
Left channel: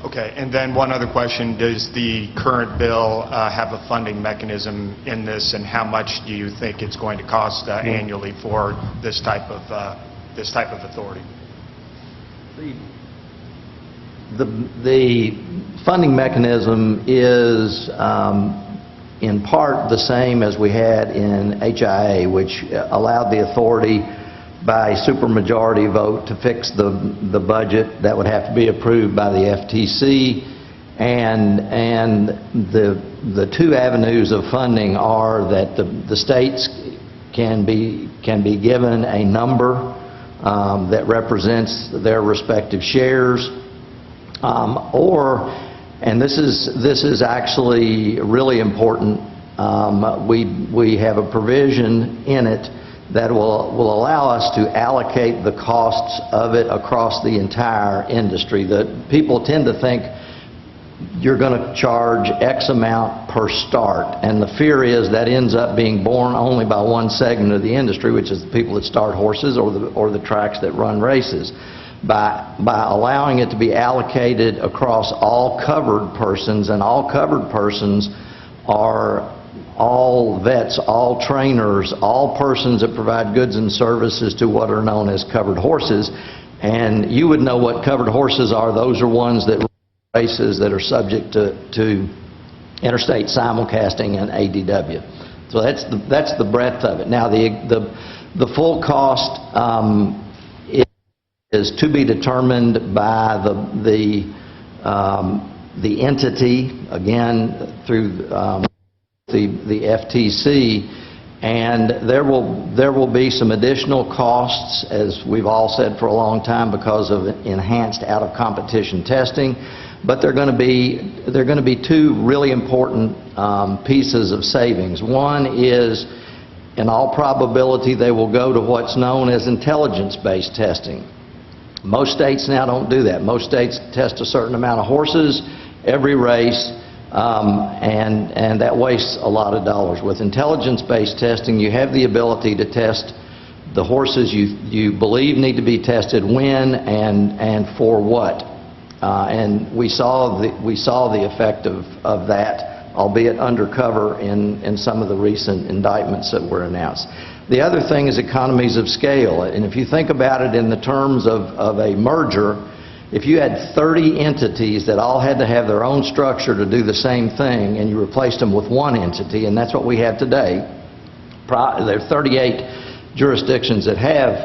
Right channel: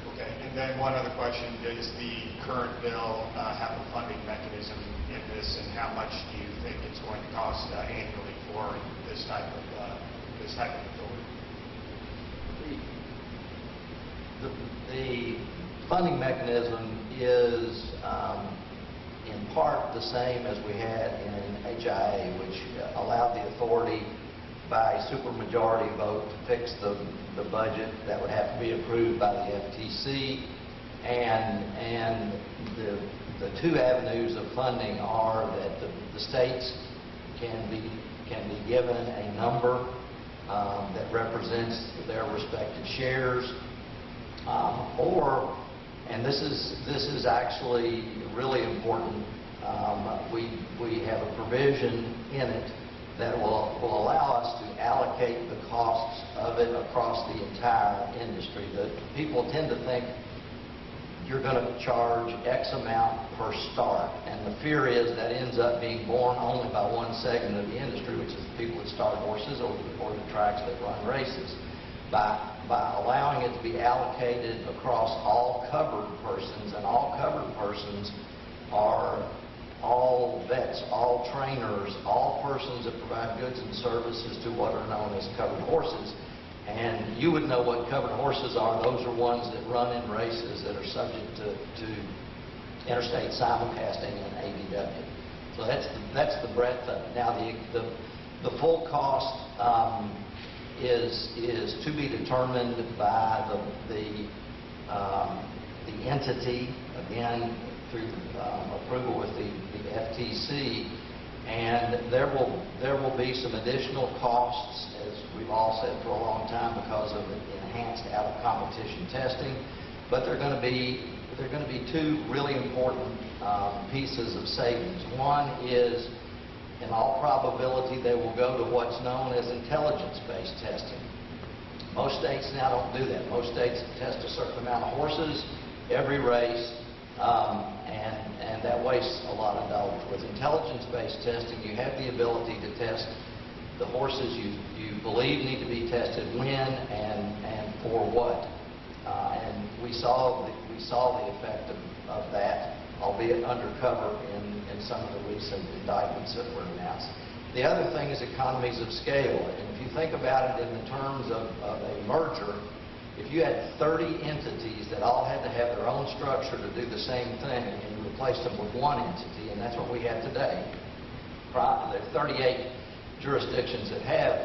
Okay, and then one other question. Does the current bill have a funding mechanism in this, and how much do you think it's going to cost annually for this type of authority? The funding mechanism is in part the same as we had in HIA, which allowed the authority by supermajority vote to fix the budget that would have to be approved by the FTC, and the two avenues of funding are that the states can be given a number that represents their respective shares, or, and this is actually really important, we have a provision in it that will allow us to allocate the costs of it across the entire industry. People tend to think you're going to charge X amount per start, and the fear is that ends up being borne only by one segment of the industry, which is the people that start horses or the tracks that run races. By allowing it to be allocated across all covered persons, and all covered persons are all vets, all trainers, all persons that provide goods and services to what are known as covered horses. And you would know what covered horses are. Those are ones that run in races that are subject to interstate simulcasting and ADW. So that's the breadth of it. Now the full cost is to be determined by the entity, again through the FTC, and there will be some additional costs, as we've all said for a long time, because of enhanced out-of-competition testing. but they're going to be two really important pieces of savings. One is, in all probability, they will go to what's known as intelligence-based testing. Most states now don't do that. Most states test a certain amount of horses every race, and that wastes a lot of dollars. With intelligence-based testing, you have the ability to test the horses you believe need to be tested when and for what. And we saw the effect of that, albeit undercover in some of the recent indictments that were announced. The other thing is economies of scale. And if you think about it in the terms of a merger, if you had 30 entities that all had to have their own structure to do the same thing, and you replaced them with one entity, and that's what we have today, there are 38 jurisdictions that have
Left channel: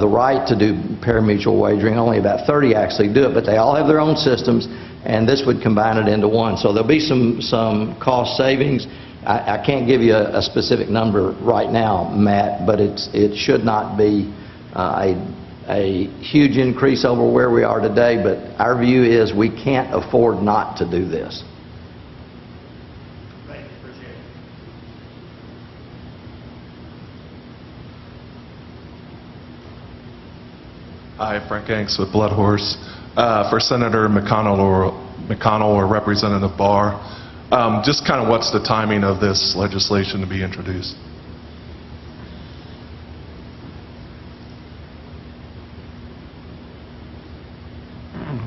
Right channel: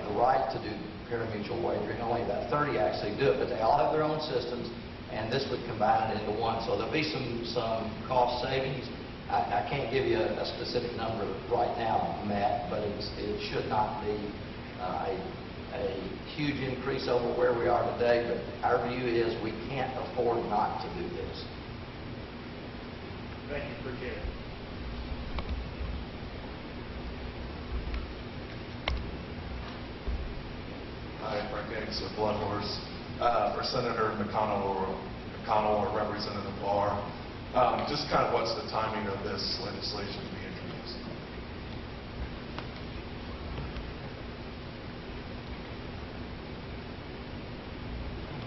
the right to do pari-mutuel wagering. Only about 30 actually do it, but they all have their own systems, and this would combine it into one. So there'll be some cost savings. I can't give you a specific number right now, Matt, but it should not be a huge increase over where we are today, but our view is we can't afford not to do this. Thank you. Appreciate it. Hi, Frank Hanks with Blood Horse. For Senator McConnell or Representative Barr, just kind of what's the timing of this legislation to be introduced?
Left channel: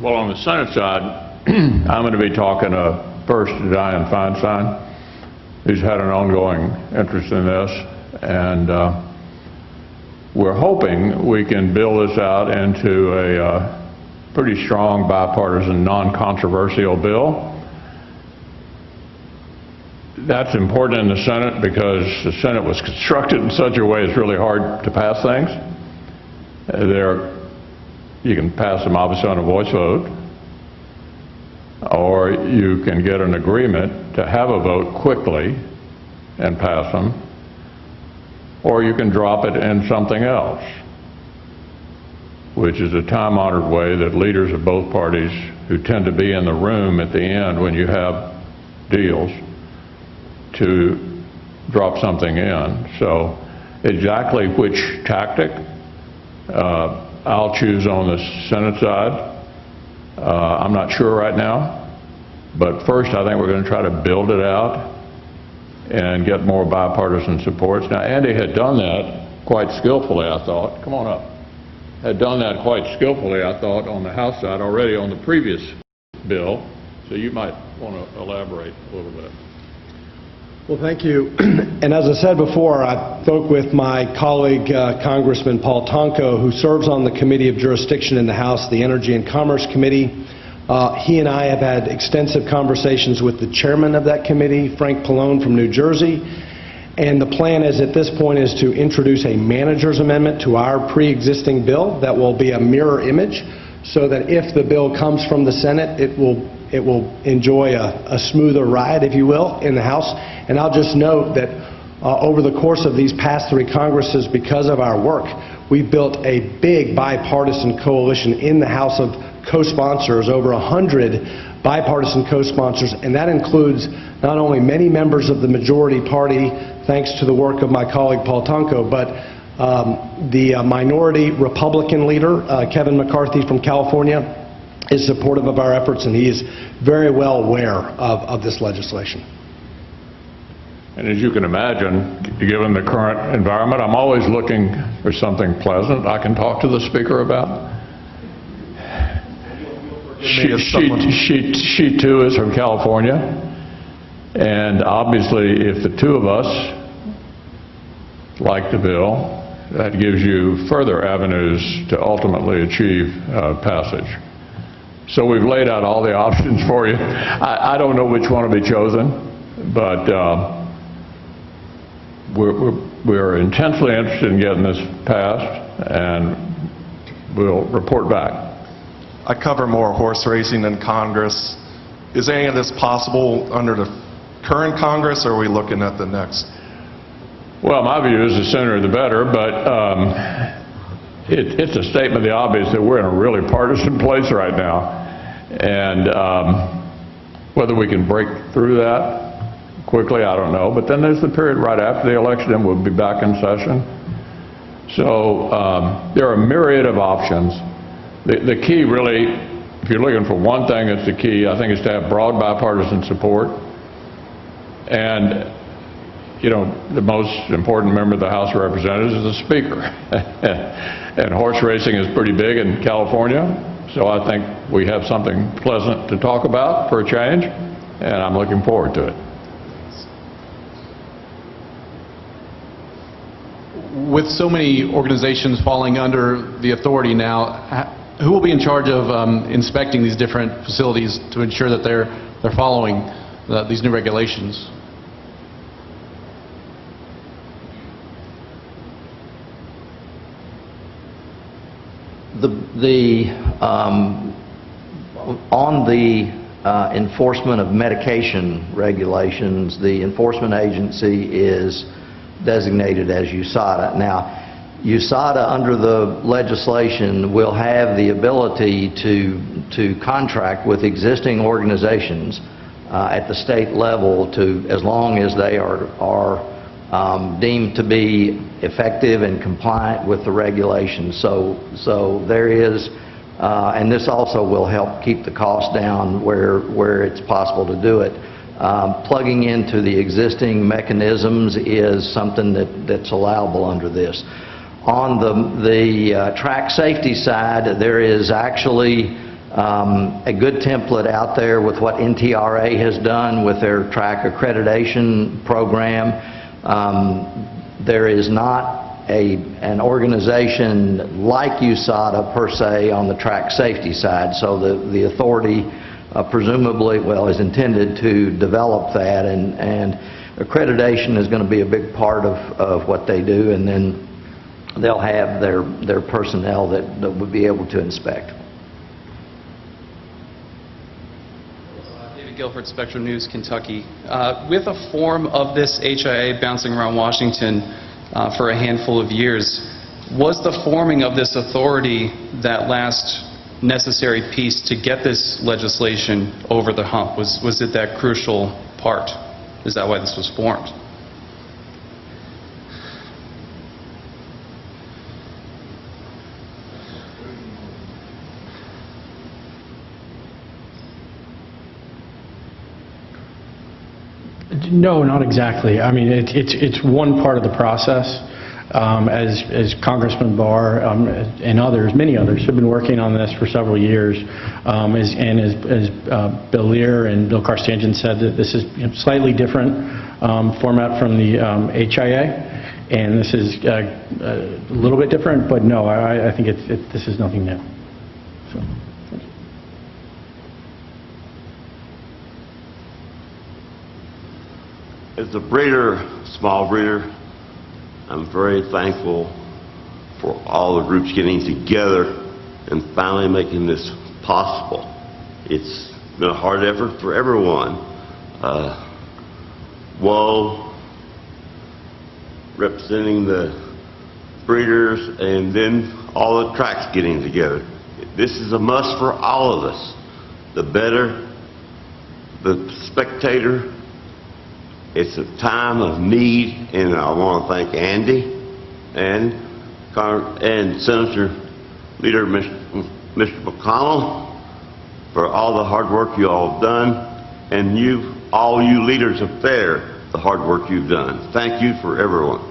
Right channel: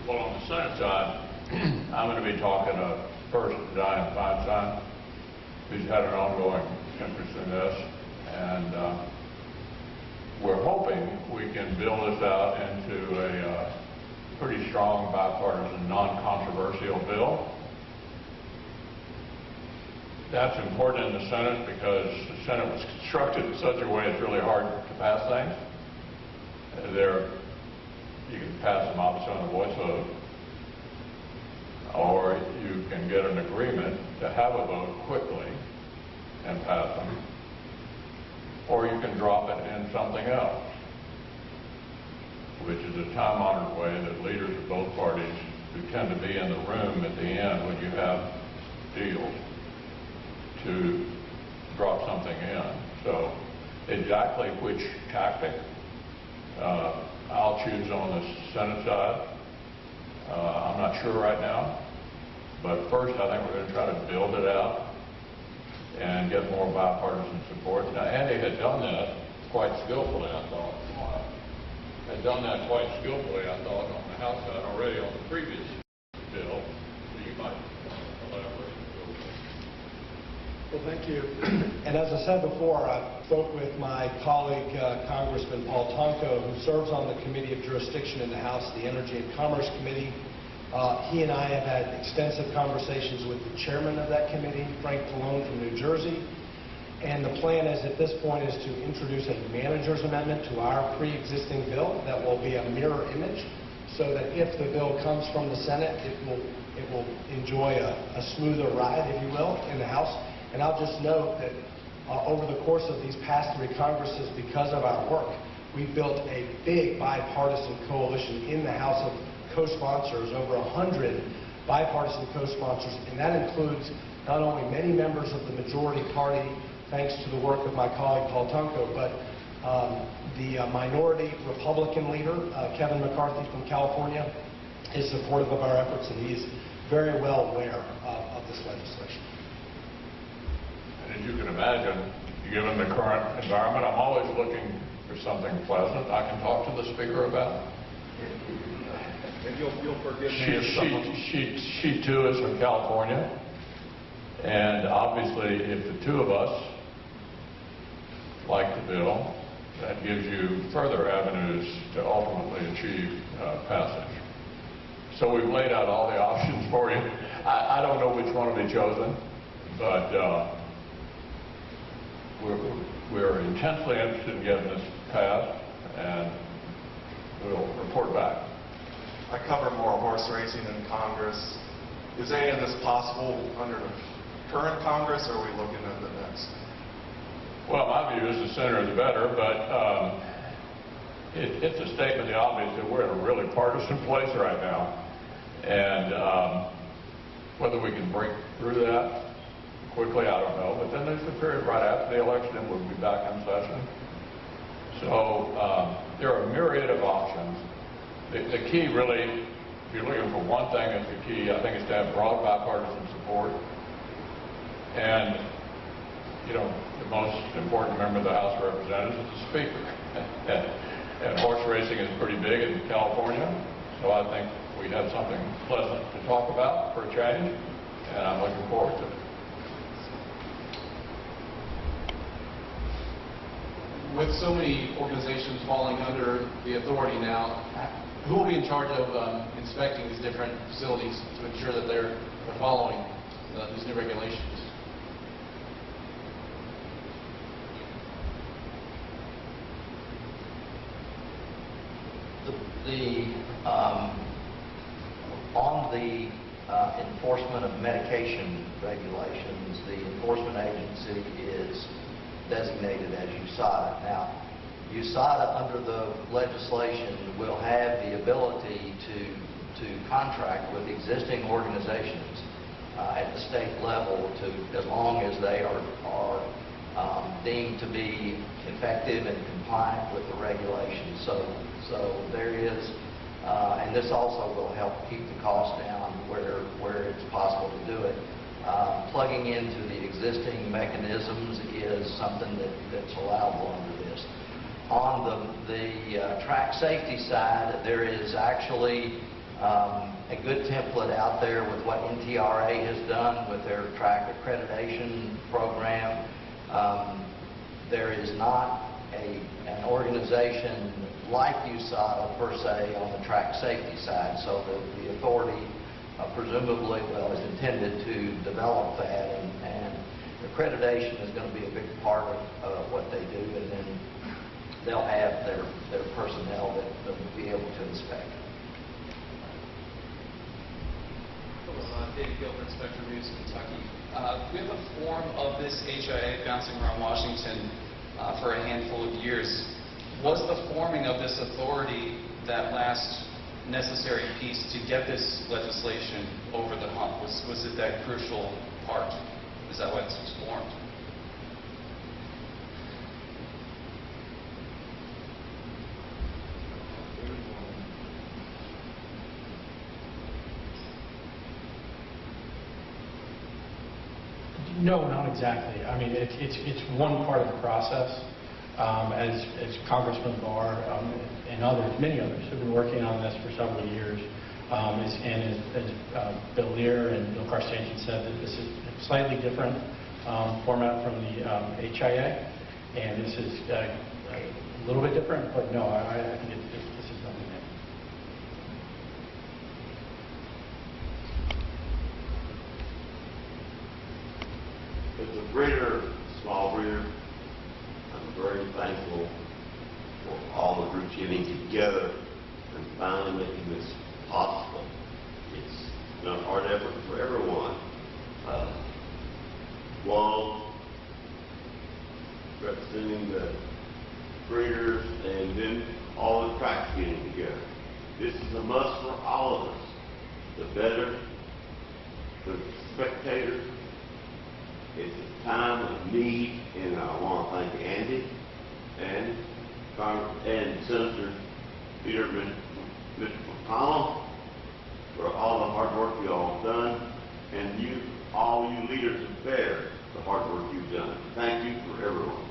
Well, on the Senate side, I'm going to be talking first to Dianne Feinstein, who's had an ongoing interest in this, and we're hoping we can build this out into a pretty strong bipartisan, non-controversial bill. That's important in the Senate because the Senate was constructed in such a way it's really hard to pass things. You can pass them obviously on a voice vote, or you can get an agreement to have a vote quickly and pass them, or you can drop it in something else, which is a time-honored way that leaders of both parties who tend to be in the room at the end when you have deals to drop something in. So exactly which tactic I'll choose on the Senate side, I'm not sure right now, but first I think we're going to try to build it out and get more bipartisan supports. Now, Andy had done that quite skillfully, I thought. Come on up. Had done that quite skillfully, I thought, on the House side already on the previous bill, so you might want to elaborate a little bit. Well, thank you. And as I said before, I spoke with my colleague, Congressman Paul Tonko, who serves on the Committee of Jurisdiction in the House, the Energy and Commerce Committee. He and I have had extensive conversations with the chairman of that committee, Frank Pallone from New Jersey. And the plan is at this point is to introduce a manager's amendment to our pre-existing bill that will be a mirror image, so that if the bill comes from the Senate, it will enjoy a smoother ride, if you will, in the House. And I'll just note that over the course of these past 3 Congresses, because of our work, we built a big bipartisan coalition in the House of co-sponsors, over 100 bipartisan co-sponsors, and that includes not only many members of the majority party, thanks to the work of my colleague Paul Tonko, but the minority Republican leader, Kevin McCarthy from California, is supportive of our efforts, and he is very well aware of this legislation. And as you can imagine, given the current environment, I'm always looking for something pleasant I can talk to the Speaker about. She too is from California, and obviously if the two of us like the bill, that gives you further avenues to ultimately achieve passage. So we've laid out all the options for you. I don't know which one will be chosen, but we're intensely interested in getting this passed, and we'll report back. I cover more horse racing in Congress. Is any of this possible under the current Congress, or are we looking at the next? Well, my view is the sooner the better, but it's a statement of the obvious that we're in a really partisan place right now. And whether we can break through that quickly, I don't know. But then there's the period right after the election, and we'll be back in session. So there are a myriad of options. The key really, if you're looking for one thing that's the key, I think is to have broad bipartisan support. And, you know, the most important member of the House of Representatives is the Speaker. And horse racing is pretty big in California. So I think we have something pleasant to talk about for a change, and I'm looking forward to it. With so many organizations falling under the authority now, who will be in charge of inspecting these different facilities to ensure that they're following these new regulations? On the enforcement of medication regulations, the enforcement agency is designated as USADA. Now, USADA, under the legislation, will have the ability to contract with existing organizations at the state level as long as they are deemed to be effective and compliant with the regulations. So there is, and this also will help keep the cost down where it's possible to do it. Plugging into the existing mechanisms is something that's allowable under this. On the track safety side, there is actually a good template out there with what NTRA has done with their track accreditation program. There is not an organization like USADA per se on the track safety side, so the authority presumably, well, is intended to develop that, and accreditation is going to be a big part of what they do, and then they'll have their personnel that would be able to inspect. Guilford, Spectrum News, Kentucky. With a form of this HIA bouncing around Washington for a handful of years, was the forming of this authority that last necessary piece to get this legislation over the hump? Was it that crucial part? Is that why this was formed? No, not exactly. I mean, it's one part of the process. As Congressman Barr and others, many others, have been working on this for several years. As Bill Lear and Bill Carstanjen said, that this is slightly different format from the HIA, and this is a little bit different. But no, I think this is nothing new. So. As a breeder, small breeder, I'm very thankful for all the groups getting together and finally making this possible. It's been a hard effort for everyone. Woe, representing the breeders, and then all the tracks getting together. This is a must for all of us. The better, the spectator. It's a time of need, and I want to thank Andy and Senator Leader Mr. McConnell for all the hard work you all have done, and all you leaders up there, the hard work you've done. Thank you for everyone.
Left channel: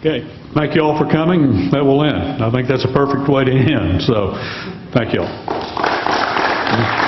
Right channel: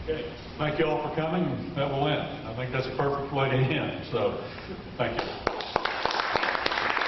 Okay, thank you all for coming. That will end. I think that's a perfect way to end. So, thank you all.